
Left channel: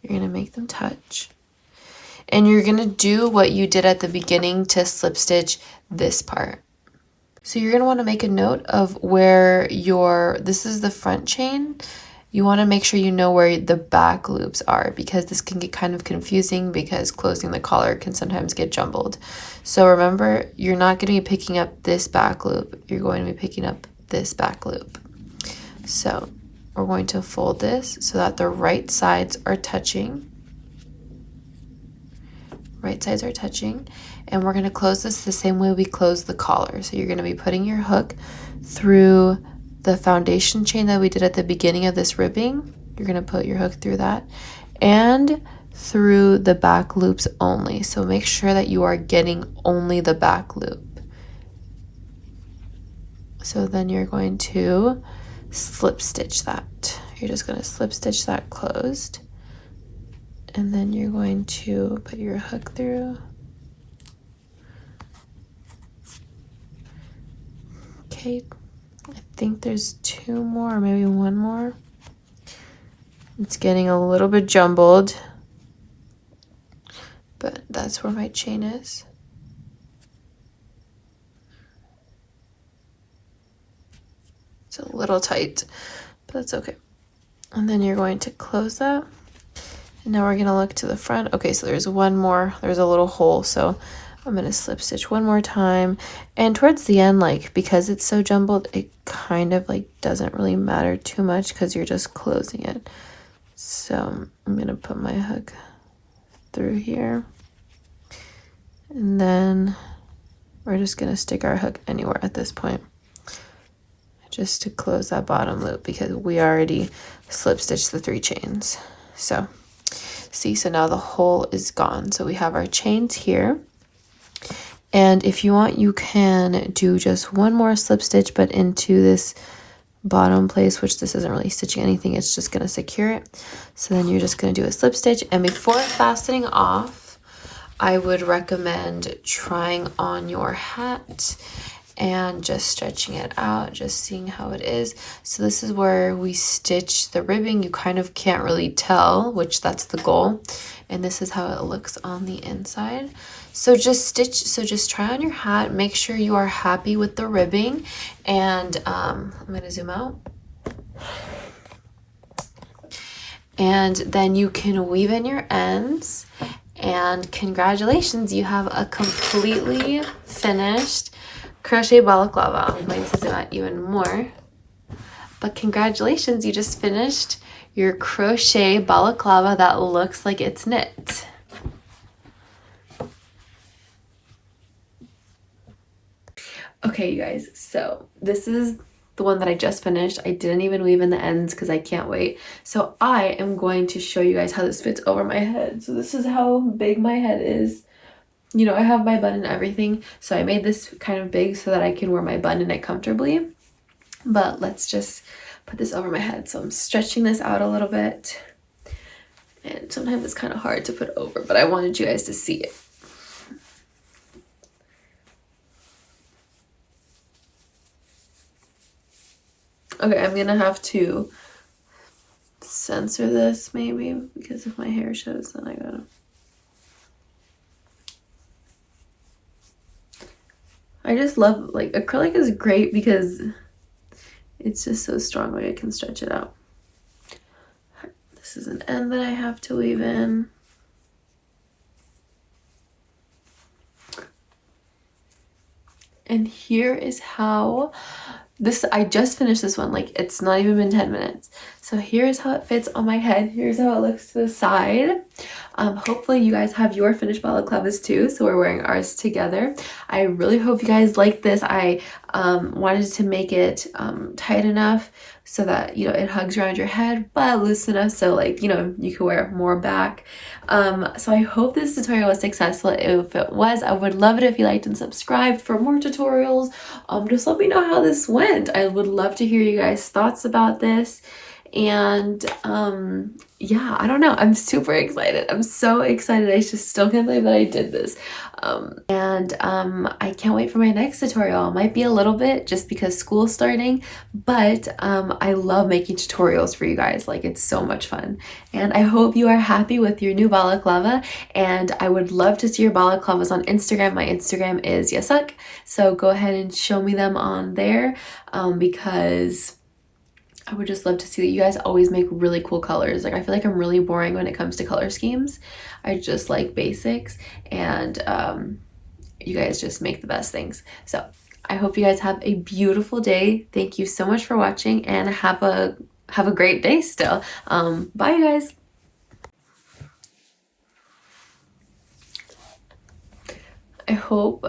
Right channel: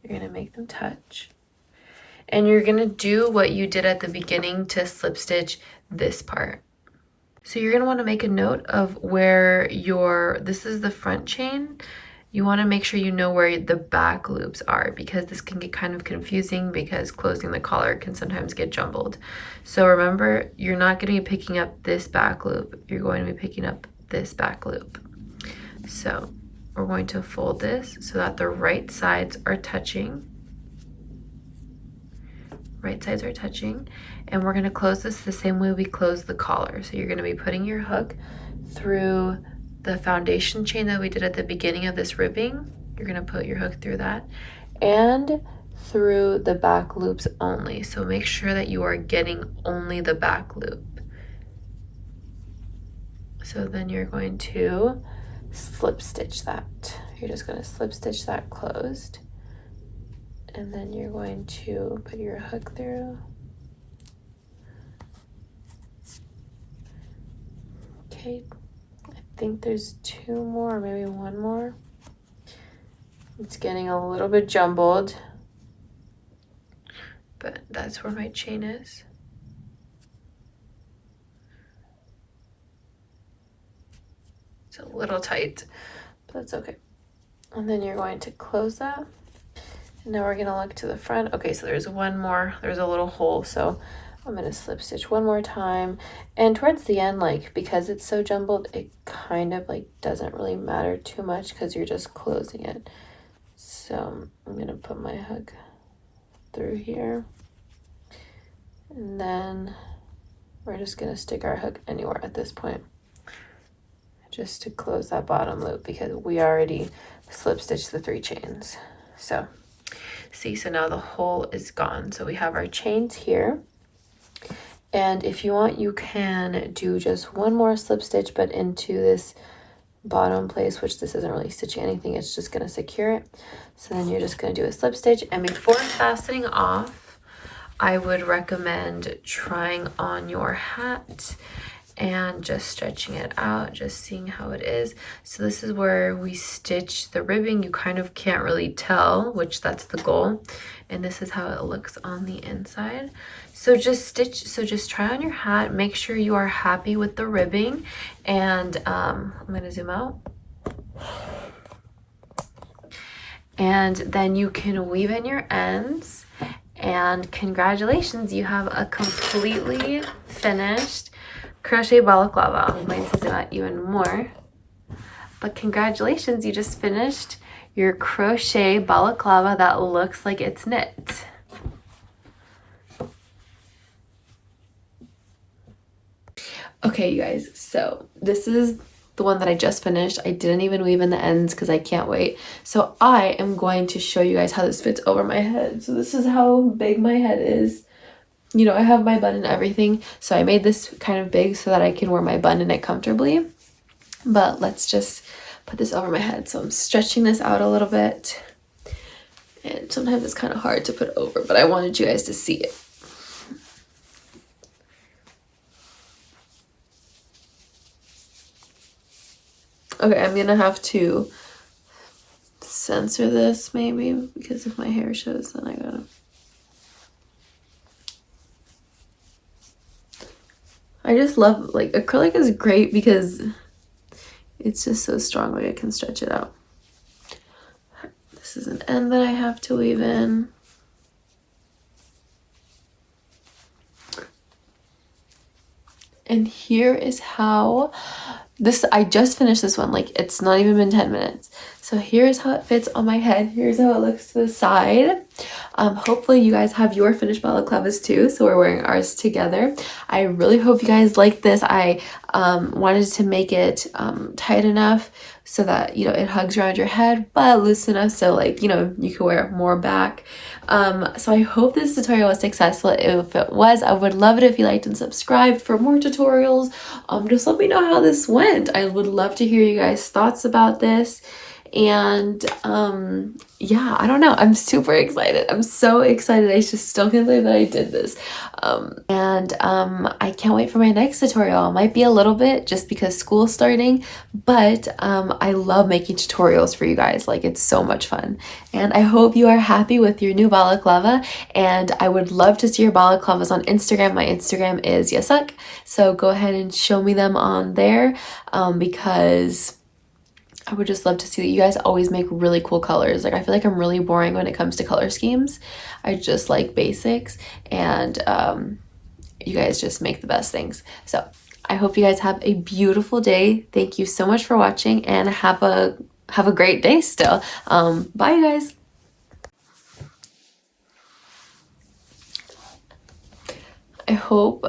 You're going to make them touch. And you're gonna do what you did at the beginning to slip stitch this part. So you're gonna wanna make a note of where this is the front chain. You wanna make sure you know where the back loops are, because this can get kind of confusing because closing the collar can sometimes get jumbled. So remember, you're not gonna be picking up this back loop, you're going to be picking up this back loop. So we're going to fold this so that the right sides are touching. Right sides are touching. And we're gonna close this the same way we close the collar. So you're gonna be putting your hook through the foundation chain that we did at the beginning of this ribbing. You're gonna put your hook through that and through the back loops only. So make sure that you are getting only the back loop. So then you're going to slip stitch that. You're just going to slip stitch that closed. And then you're going to put your hook through. Okay, I think there's 2 more, or maybe 1 more. It's getting a little bit jumbled, but that's where my chain is. It's a little tight, but that's okay. And then you're going to close that. And now we're going to look to the front. Okay, so there's 1 more. There's a little hole, so I'm going to slip stitch 1 more time. And towards the end, like, because it's so jumbled, it kind of like doesn't really matter too much because you're just closing it. So I'm going to put my hook through here. And then we're just going to stick our hook anywhere at this point, just to close that bottom loop, because we already slip stitched the 3 chains. So see, so now the hole is gone. So we have our chains here. And if you want, you can do just 1 more slip stitch, but into this bottom place, which this isn't really stitching anything, it's just going to secure it. So then you're just going to do a slip stitch, and before fastening off, I would recommend trying on your hat and just stretching it out, just seeing how it is. So this is where we stitch the ribbing. You kind of can't really tell, which that's the goal. And this is how it looks on the inside. So just try on your hat, make sure you are happy with the ribbing. And I'm gonna zoom out. And then you can weave in your ends, and congratulations, you have a completely finished crochet balaclava. I might zoom out even more, but congratulations, you just finished your crochet balaclava that looks like it's knit. Okay, you guys, so this is the one that I just finished. I didn't even weave in the ends because I can't wait. So I am going to show you guys how this fits over my head. So this is how big my head is. You know, I have my bun and everything, so I made this kind of big so that I can wear my bun in it comfortably. But let's just put this over my head. So I'm stretching this out a little bit. And sometimes it's kind of hard to put over, but I wanted you guys to see it. Okay, I'm gonna have to censor this maybe, because if my hair shows, then I gotta. I just love, like, acrylic is great because it's just so strong, like I can stretch it out. This is an end that I have to weave in. And here is how this, I just finished this one, like it's not even been 10 minutes. So here's how it fits on my head. Here's how it looks to the side. Hopefully you guys have your finished balaclavas too, so we're wearing ours together. I really hope you guys like this. I wanted to make it tight enough so that, you know, it hugs around your head, but loose enough so, like, you know, you can wear more back. So I hope this tutorial was successful. If it was, I would love it if you liked and subscribed for more tutorials. Just let me know how this went. I would love to hear you guys' thoughts about this. And yeah, I don't know, I'm super excited. I'm so excited. I just still can't believe that I did this. I can't wait for my next tutorial. It might be a little bit just because school's starting, but I love making tutorials for you guys. Like, it's so much fun. And I hope you are happy with your new balaclava, and I would love to see your balaclavas on Instagram. My Instagram is yasuck, so go ahead and show me them on there, because I would just love to see that you guys always make really cool colors. Like, I feel like I'm really boring when it comes to color schemes. I just like basics, and you guys just make the best things. So I hope you guys have a beautiful day. Thank you so much for watching, and have a great day still. Bye, you guys. I hope